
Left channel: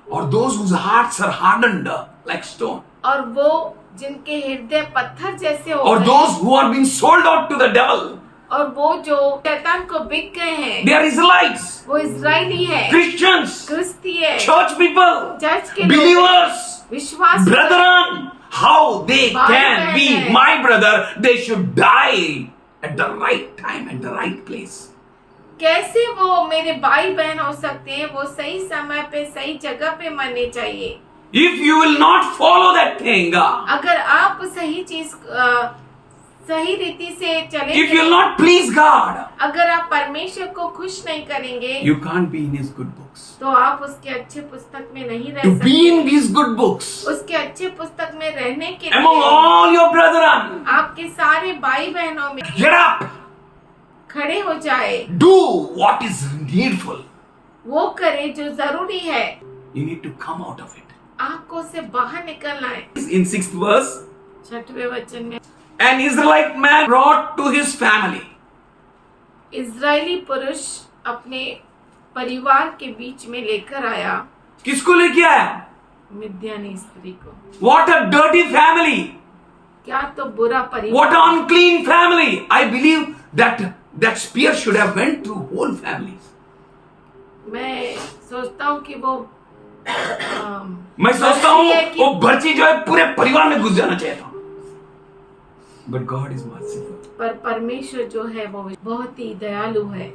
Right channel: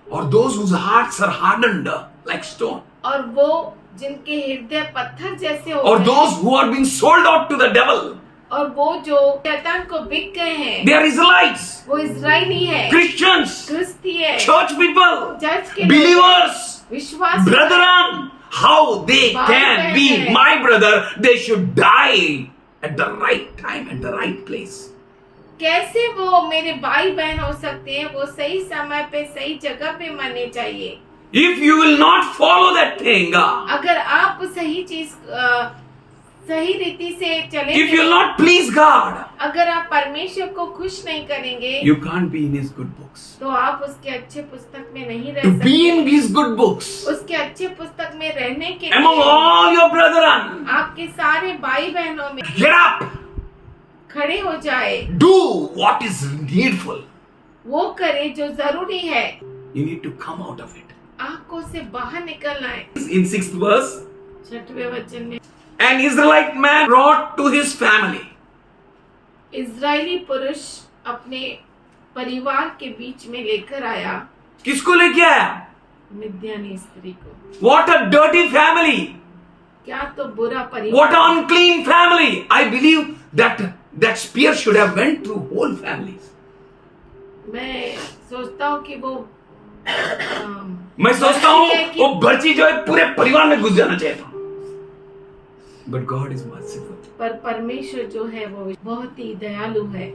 Or those whose hearts are hardened like stone. और वो जिनके हृदय पत्थर जैसे हो or गए, those who are being sold out to the devil. और वो जो शैतान को बिक गए हैं, They are Israelites, वो इजरायली है, Christians, क्रिस्ती है, church people, चर्च के लोग, believers, विश्वास, brethren. How they भाई can बहन be है। my brother? They should die at the right time, at the right place. कैसे वो मेरे भाई बहन हो सकते हैं? वो सही समय पे सही जगह पे मरने चाहिए। If you will not follow that thing, अगर आप सही चीज सही रीति से if you will चलेंगे, not please God, अगर आप परमेश्वर को खुश नहीं करेंगे, you can't be in His good books. तो आप उसके अच्छे पुस्तक में नहीं रह To be सकते। in His good books, उसके अच्छे पुस्तक में रहने के among लिए all your brethren, आपके सारे भाई बहनों में get up, खड़े हो जाए, do what is needful. वो करे जो जरूरी है। You need to come out of it. आपको से बाहर निकलना है। In 6th verse, 6वें वचन में an Israelite man brought to his family. Israeli पुरुष अपने परिवार के बीच में लेकर आया किसको लेके आया? मिद्यानी स्त्री को। What a dirty family! क्या तो बुरा What परिवार, an unclean family! I believe that spear should have went through whole families. मैं सोचता हूँ कि वो मैं सोचता हूँ वो भर्ची जो है पूरे परिवार में घुस जाना चाहिए था। But God is merciful. पर परमेश्वर जो है वो बहुत ही दयालु है।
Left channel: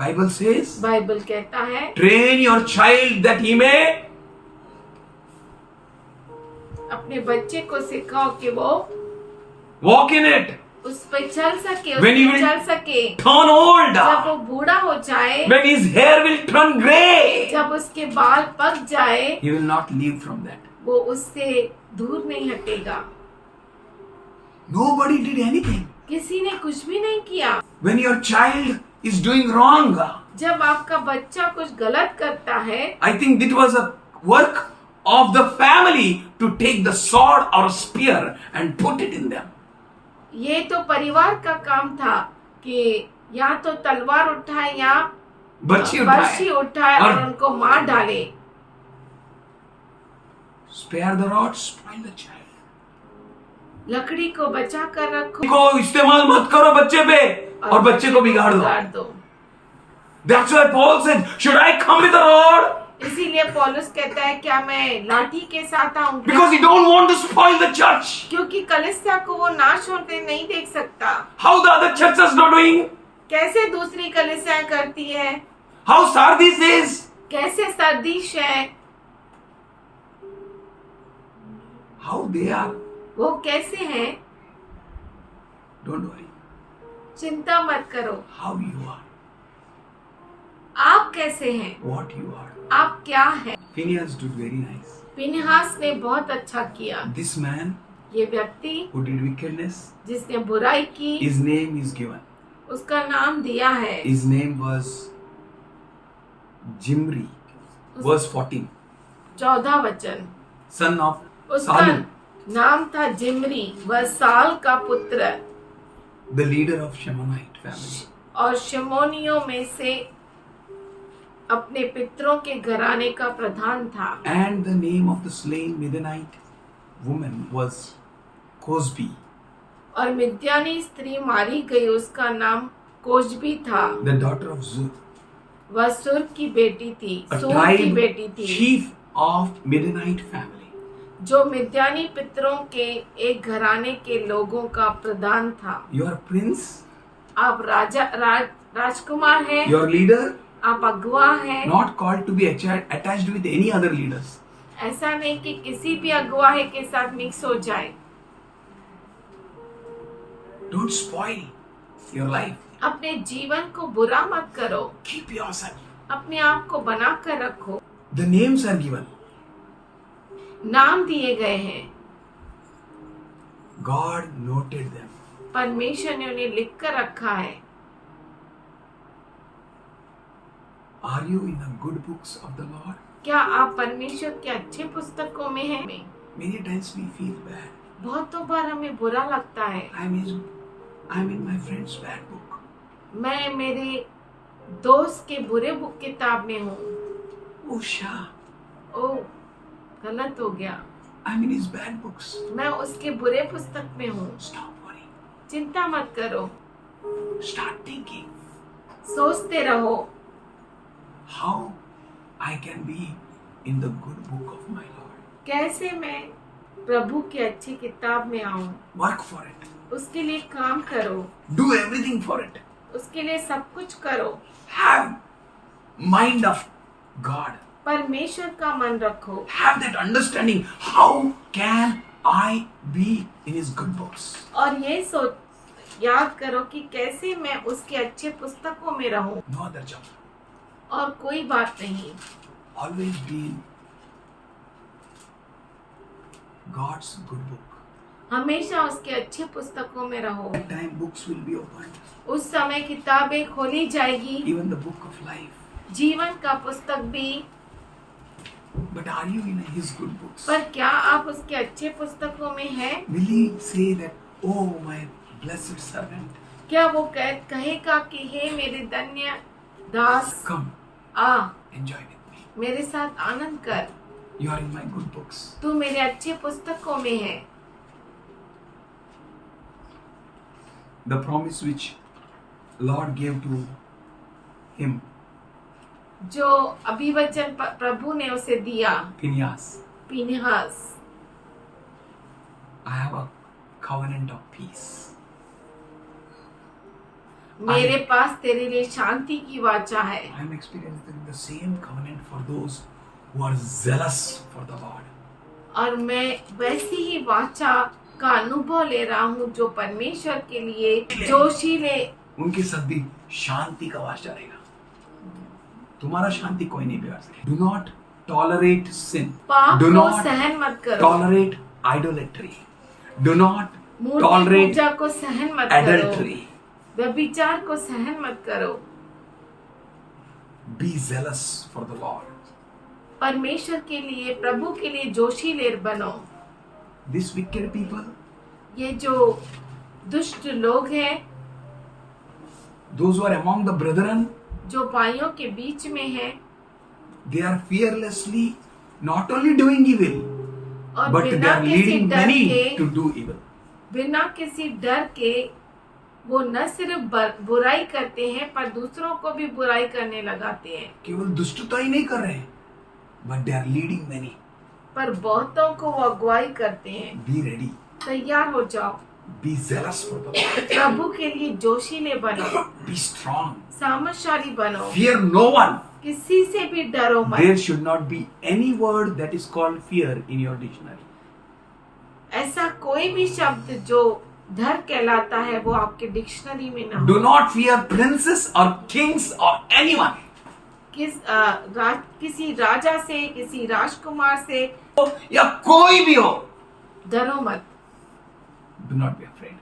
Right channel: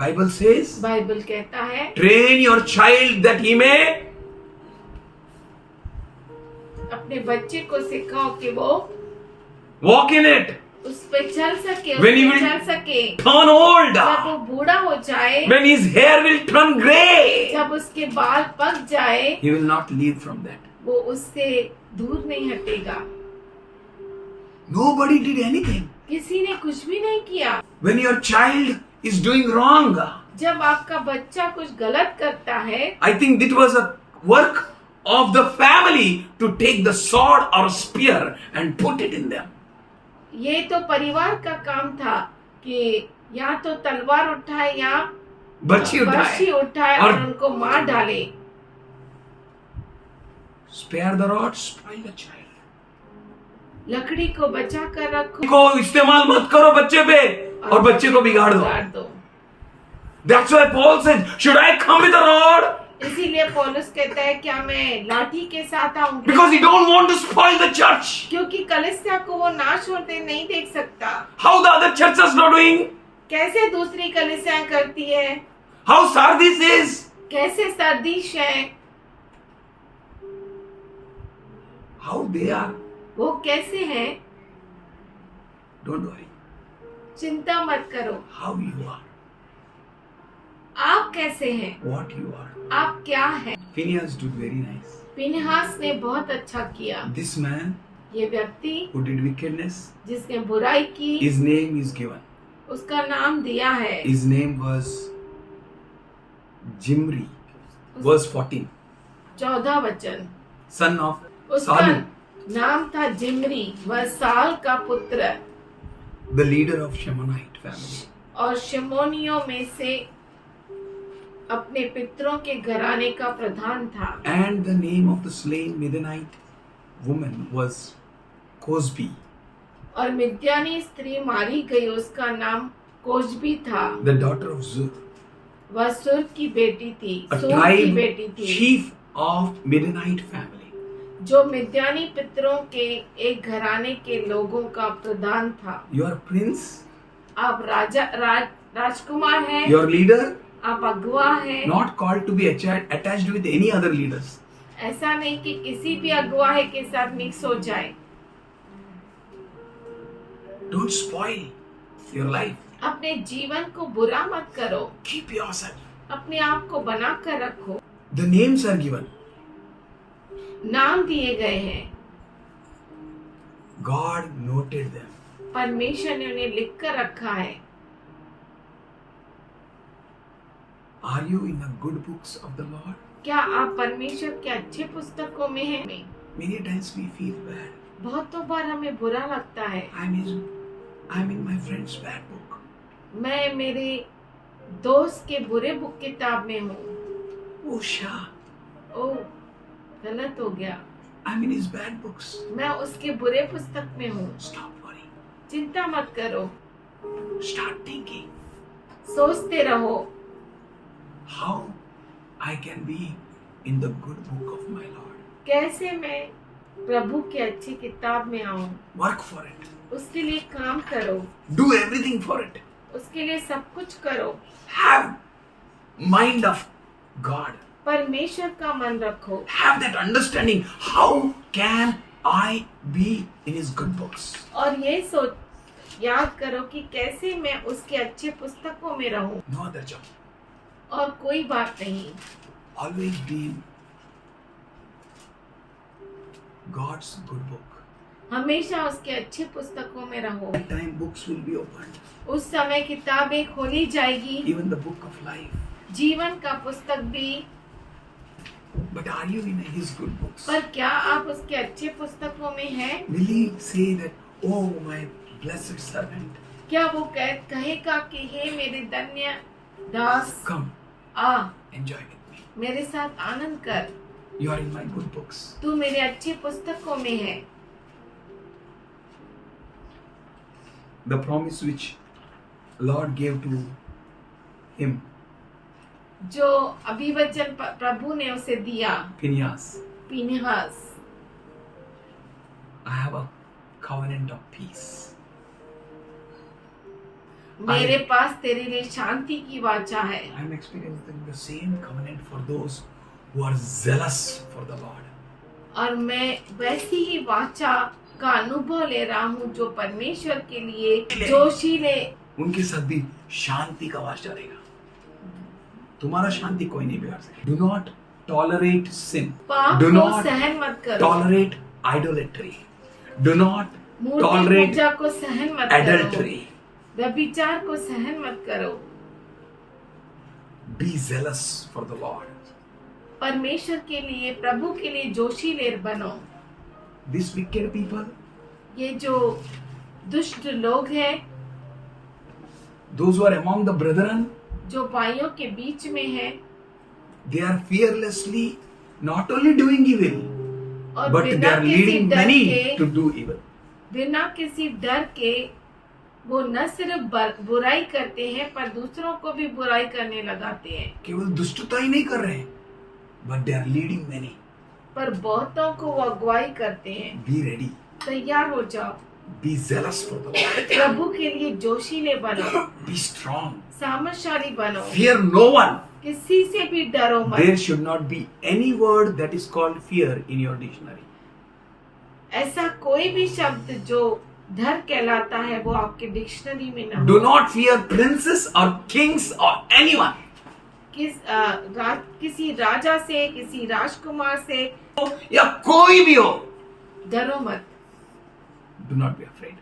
Bible says, बाइबल कहता है, train your child that he may अपने बच्चे को सिखाओ कि वो walk in it. उस पे चल सके, उस When he पे will चल सके। turn old, जब वो बूढ़ा हो जाए, when his hair will turn grey, जब उसके बाल पक जाए, he will not leave from that. वो उससे दूर नहीं हटेगा। Nobody did anything. किसी ने कुछ भी नहीं किया। When your child is doing wrong, जब आपका बच्चा कुछ गलत करता है, I think it was a work of the family to take the sword or a spear and put it in them. ये तो परिवार का काम था कि या तो तलवार उठाए या बर्छी बर्छी उठाए उठाए और और उनको मार डाले। spare the rod, spoil the child. लकड़ी को बचा कर रखो को इस्तेमाल मत करो बच्चे पे और बच्चे को बिगाड़ दो। That's why Paul said, should I come with a rod? इसीलिए पौलुस कहता है क्या मैं लाठी के साथ आऊंगा? Because he don't want to spoil the church. क्योंकि कलीसिया को वो नाश होते नहीं देख सकता। How the other churches are doing? कैसे दूसरी कलीसिया करती है, How Sardis is? कैसे सरदीश है, How they are? वो कैसे हैं। Don't worry. चिंता मत करो, How you are, आप कैसे हैं, what you are. आप क्या हैं। Phineas did very nice. फिनहास ने बहुत अच्छा किया। This man ये व्यक्ति who did wickedness, जिसने बुराई की, his name is given. उसका नाम दिया है। His name was Jimri. Verse 14. 14 वचन। Son of उसका Salu, नाम था जिमरी, वह साल का पुत्र the leader of Shemonite family. और शमोनियों में से अपने पितरों के घराने का प्रधान था। And the name of the slain Midianite woman was Cosbi, और मिद्यानी स्त्री मारी गई, उसका नाम कोजबी था। the daughter of Zur, वह सुर की बेटी थी, a सूर की tribe बेटी थी, chief of Midianite family. जो मिद्यानी पितरों के एक घराने के लोगों का प्रधान था। Your prince, आप राजकुमार हैं, your leader, आप अगुआ हैं। not called to be attached with any other leaders. ऐसा नहीं कि किसी भी अगुवाहे के साथ मिक्स हो जाए। Don't spoil your life. अपने जीवन को बुरा मत करो, Keep yourself. अपने आप को बना कर रखो। The names are given. नाम दिए गए हैं, God noted them. परमेश्वर ने उन्हें लिख कर रखा है। Are you in the good books of the Lord? क्या आप परमेश्वर के अच्छे पुस्तकों में हैं? Many times we feel bad. बहुतों बार हमें बुरा लगता है। I'm in my friend's bad book. मैं मेरे दोस्त के बुरे बुक किताब में हूँ। Oh, Shah. ओ, गलत हो गया। I'm in his bad books. मैं उसके बुरे पुस्तक में हूँ। Stop worrying. चिंता मत करो, Start thinking सोचते रहो how I can be in the good book of my Lord. कैसे मैं प्रभु की अच्छी किताब में आऊं। Work for it. उसके लिए काम करो, Do everything for it. उसके लिए सब कुछ करो। Have mind of God. परमेश्वर का मन रखो। Have that understanding. How can I be in his good books? और ये सोच याद करो कि कैसे मैं उसके अच्छे पुस्तकों में रहूं। No other job. और कोई बात नहीं, Always be in God's good book. हमेशा उसके अच्छे पुस्तकों में रहो। That time books will be opened. उस समय किताबें खोली जाएगी, Even the book of life. जीवन का पुस्तक भी। But are you in his good books? पर क्या आप उसके अच्छे पुस्तकों में हैं? Will he say that, oh my blessed servant, क्या वो कहेगा कि हे मेरे धन्य दास, come, uh enjoy with me. मेरे साथ आनंद कर, You are in my good books. तू मेरे अच्छे पुस्तकों में है। The promise which Lord gave to him, जो अभिवचन प्रभु ने उसे दिया, Phineas, Phinehas, I have a covenant of peace. मेरे पास तेरे लिए शांति की वाचा है। I am experiencing the same covenant for those who are zealous for the Lord. और मैं वैसी ही वाचा का अनुभव ले रहा हूँ जो परमेश्वर के लिए जोशीले। उनके साथ भी शांति का वास रहेगा। तुम्हारा शांति कोई नहीं बिगाड़ सकता। Do not tolerate sin. पाप Do को not सहन मत करो। tolerate idolatry. Do not Murthy tolerate पूजा को सहन मत करो। adultery. व्यभिचार को सहन मत करो। Be zealous for the Lord. परमेश्वर के लिए, प्रभु के लिए जोशीले बनो। These wicked people, ये जो दुष्ट लोग हैं, those who are among the brethren, जो भाइयों के बीच में हैं, they are fearlessly not only doing evil, और but they बिना are किसी leading डर many के, to do evil. बिना किसी डर के वो न सिर्फ बुराई करते हैं पर दूसरों को भी बुराई करने लगाते हैं। केवल दुष्टता ही नहीं कर रहे हैं, but they are leading many. पर बहुतों को वो अगुवाई करते हैं। Be ready. तैयार हो जाओ, Be zealous for the Lord. प्रभु के लिए जोशीले बनो, Be strong. सामर्थशाली बनो, Fear no one. किसी से भी डरो मत। There should not be any word that is called fear in your dictionary. ऐसा कोई भी शब्द जो डर कहलाता है वो आपके डिक्शनरी में ना Do हो। not fear princes or kings or anyone. किसी राजा से, किसी राजकुमार से या कोई भी हो, डरो मत, do not be afraid.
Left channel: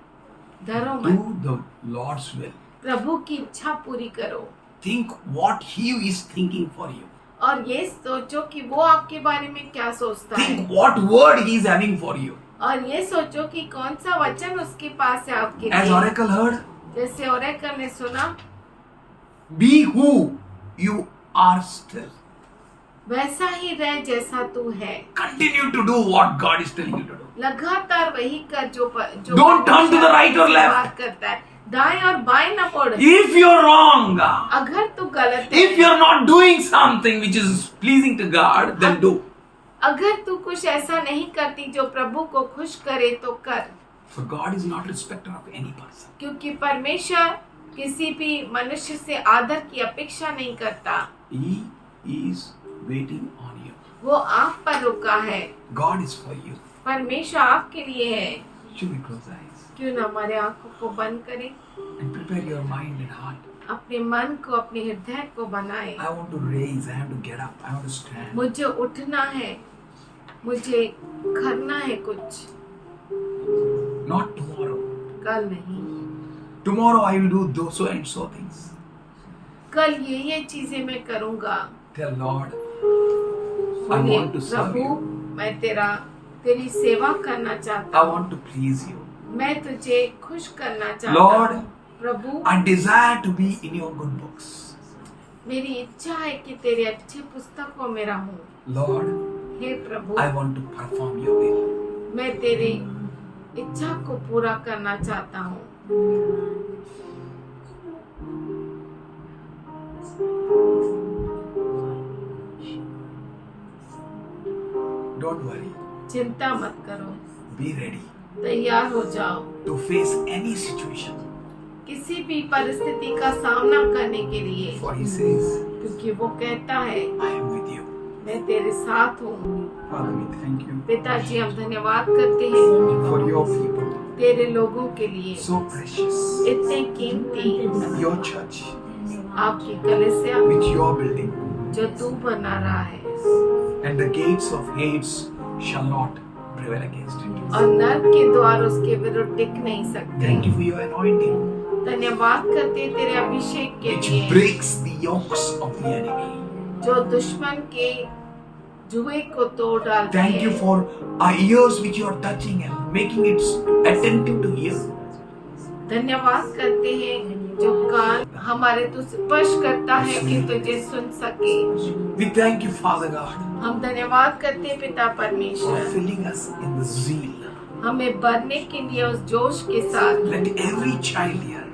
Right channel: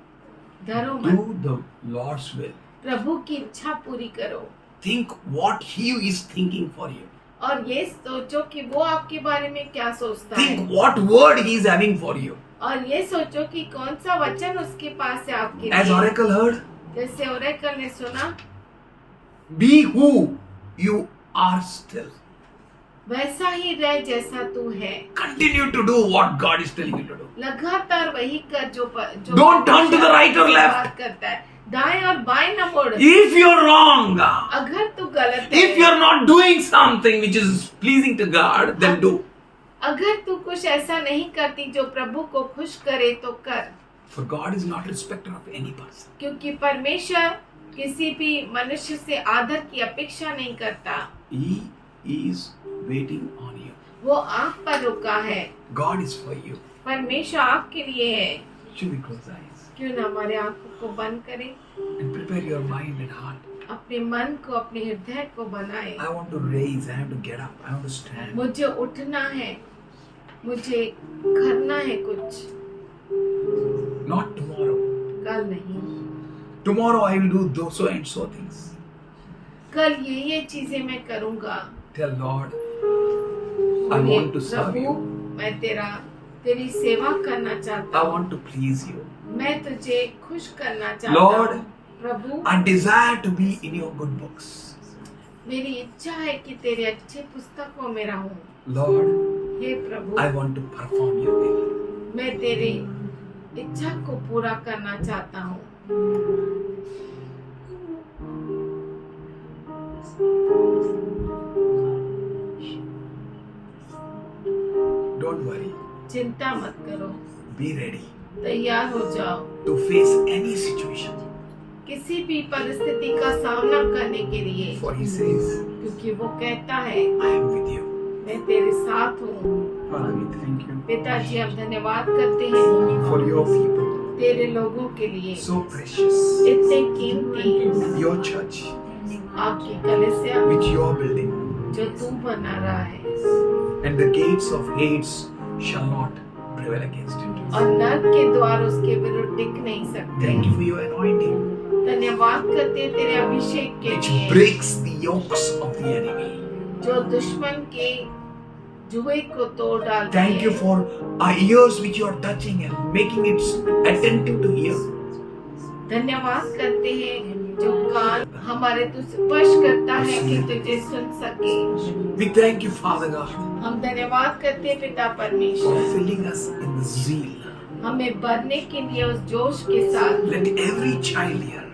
डरो Do मत। the Lord's will. प्रभु की इच्छा पूरी करो Think what He is thinking for you. और ये सोचो कि वो आपके बारे में क्या सोचता है, Think what word He is having for you. और ये सोचो कि कौन सा वचन उसके पास है आपके As लिए। Oracle heard, जैसे ओरेकल ने सुना, be who you are still. वैसा ही रह जैसा तू है। Continue to do what God is telling you to do. लगातार वही कर जो Don't turn to the right or left. बात करता है। दाएं और बाएं न मुड़। If you're wrong, अगर तू गलत है, if you're not doing something which is pleasing to God, then do. अगर तू कुछ ऐसा नहीं करती जो प्रभु को खुश करे तो कर, For God is not respecter of any person. क्योंकि परमेश्वर किसी भी मनुष्य से आदर की अपेक्षा नहीं करता। He is waiting on you. वो आप पर रुका है। God is for you. परमेश्वर आपके लिए है। Should we close our eyes क्यों ना हमारे आंखों को बंद करें, and prepare your mind and heart? अपने मन को, अपने हृदय को बनाए। I want to raise, I want to get up, I want to stand. मुझे उठना है, मुझे करना है कुछ, Not tomorrow. कल नहीं। Tomorrow I will do those so and so things. कल ये चीजें मैं करूँगा। Tell Lord, I बोलिए, want to serve Prabhu, you. मैं तेरी सेवा करना चाहता I हूँ। want to please you. मैं तुझे खुश करना चाहता Lord, हूँ। प्रभु, I desire to be in your good books. मेरी इच्छा है कि तेरे अच्छे पुस्तकों में रहूं। Lord, hey Prabhu, I want to perform your will. मैं तेरी इच्छा को पूरा करना चाहता हूँ। Don't worry. चिंता मत करो, Be ready तैयार हो जाओ to face any situation. किसी भी परिस्थिति का सामना करने के लिए, For he says, क्योंकि वो कहता है I am with you. मैं तेरे साथ हूँ। Father, we thank you पिताजी, हम धन्यवाद करते हैं for your people. तेरे लोगों के लिए, So precious. इतने कीमती, Your church आपकी कलीसिया which you are building. जो तू बना रहा है, And the gates of Hades shall not prevail against it. और नर्क के द्वार उसके विरुद्ध टिक नहीं सकते। Thank you for your anointing धन्यवाद करते हैं तेरे अभिषेक के which लिए, breaks the yokes of the enemy. जो दुश्मन के जुए को तोड़ डालती है। Thank you for our ears which you are touching and making it attentive to hear. धन्यवाद करते हैं जो कान हमारे तो स्पर्श करता है कि तुझे सुन सके। We thank you, Father God, हम धन्यवाद करते हैं पिता for परमेश्वर, filling us in the zeal. हमें भरने के लिए उस जोश के साथ Let every child here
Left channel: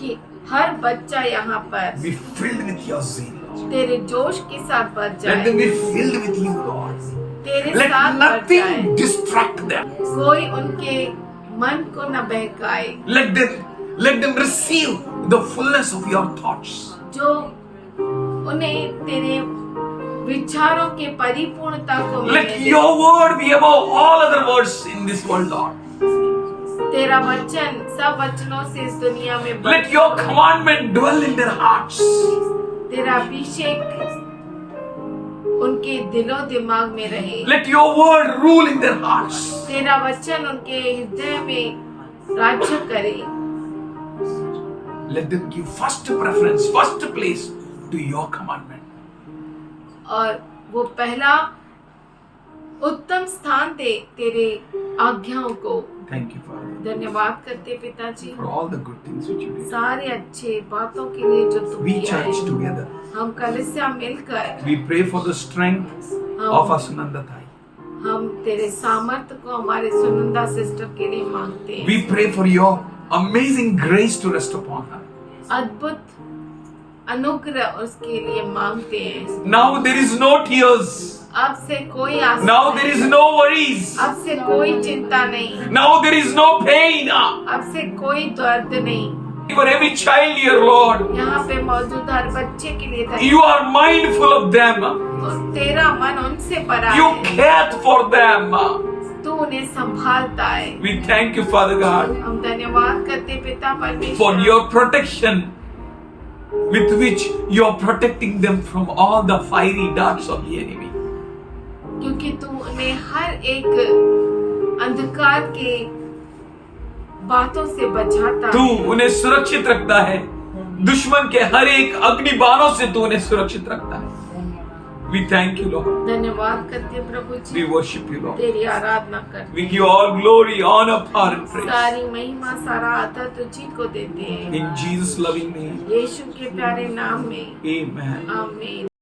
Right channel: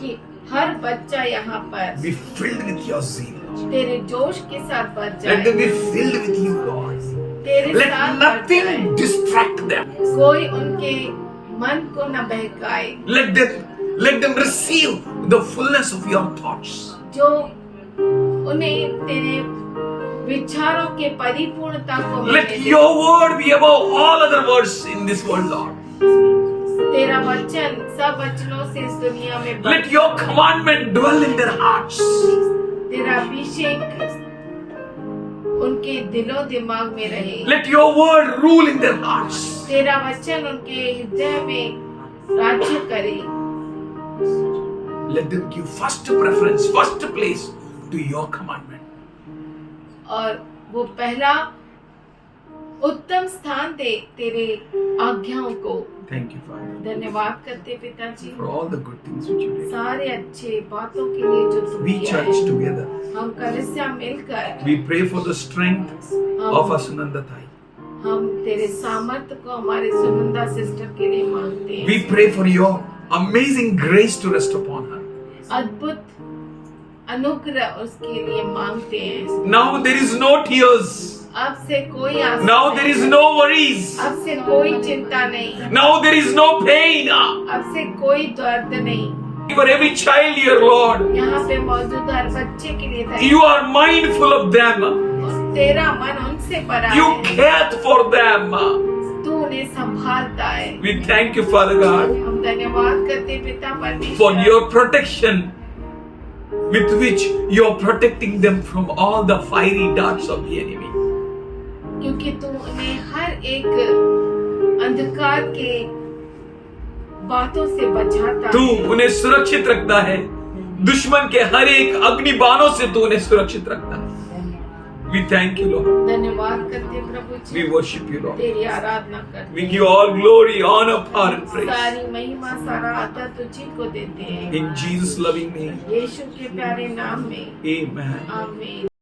कि हर बच्चा यहाँ पर be filled with your zeal. तेरे जोश के साथ भर Let जाए, them be filled with you, Lord. तेरे Let साथ भर जाए, nothing distract them. कोई उनके मन को न बहकाए, Let them receive the fullness of your thoughts. जो उन्हें तेरे विचारों के परिपूर्णता को Let मिले। your word be above all other words in this world, Lord. तेरा वचन सब वचनों से इस दुनिया में बढ़। Let your commandment dwell in their hearts. तेरा अभिषेक उनके दिलों दिमाग में रहे, Let your word rule in their hearts. तेरा वचन उनके हृदय में राज्य करे, Let them give first preference, first place to your commandment. और वो पहला उत्तम स्थान दे तेरे आज्ञाओं को। Thank you, Father, धन्यवाद करते पिताजी for all the good things which you did. सारे अच्छे बातों के लिए जो तुम We किया church है। together. हम कलीसिया मिलकर We pray for the strength of Asunanda Thai. हम तेरे सामर्थ्य को हमारे सुनंदा सिस्टर के लिए मांगते हैं। We pray for your amazing grace to rest upon her. अद्भुत अनुग्रह उसके लिए मांगते हैं। Now there is no tears. अब से कोई आशा Now नहीं, there is no worries. अब से कोई चिंता नहीं, Now there is no pain. अब से कोई दर्द नहीं। For every child here, Lord, यहाँ पे मौजूद हर बच्चे के लिए धन्यवाद। you are mindful of them. और तेरा मन उनसे भरा You है, care for them. तू उन्हें संभालता है। We thank you, Father God, हम धन्यवाद करते पिता for परमेश्वर your protection with which you are protecting them from all the fiery darts of the enemy. क्योंकि तू उन्हें हर एक अंधकार के बातों से बचाता तू है। उन्हें सुरक्षित रखता है, दुश्मन के हर एक अग्नि बाणों से तू उन्हें सुरक्षित रखता है। We thank you, Lord. धन्यवाद करते प्रभु We ji, worship you, Lord. तेरी आराधना करते We give all glory, honor, power and praise. सारी महिमा सारा आदर तुझी को देते हैं, In Jesus' loving name, यीशु के प्यारे नाम में amen. आमीन।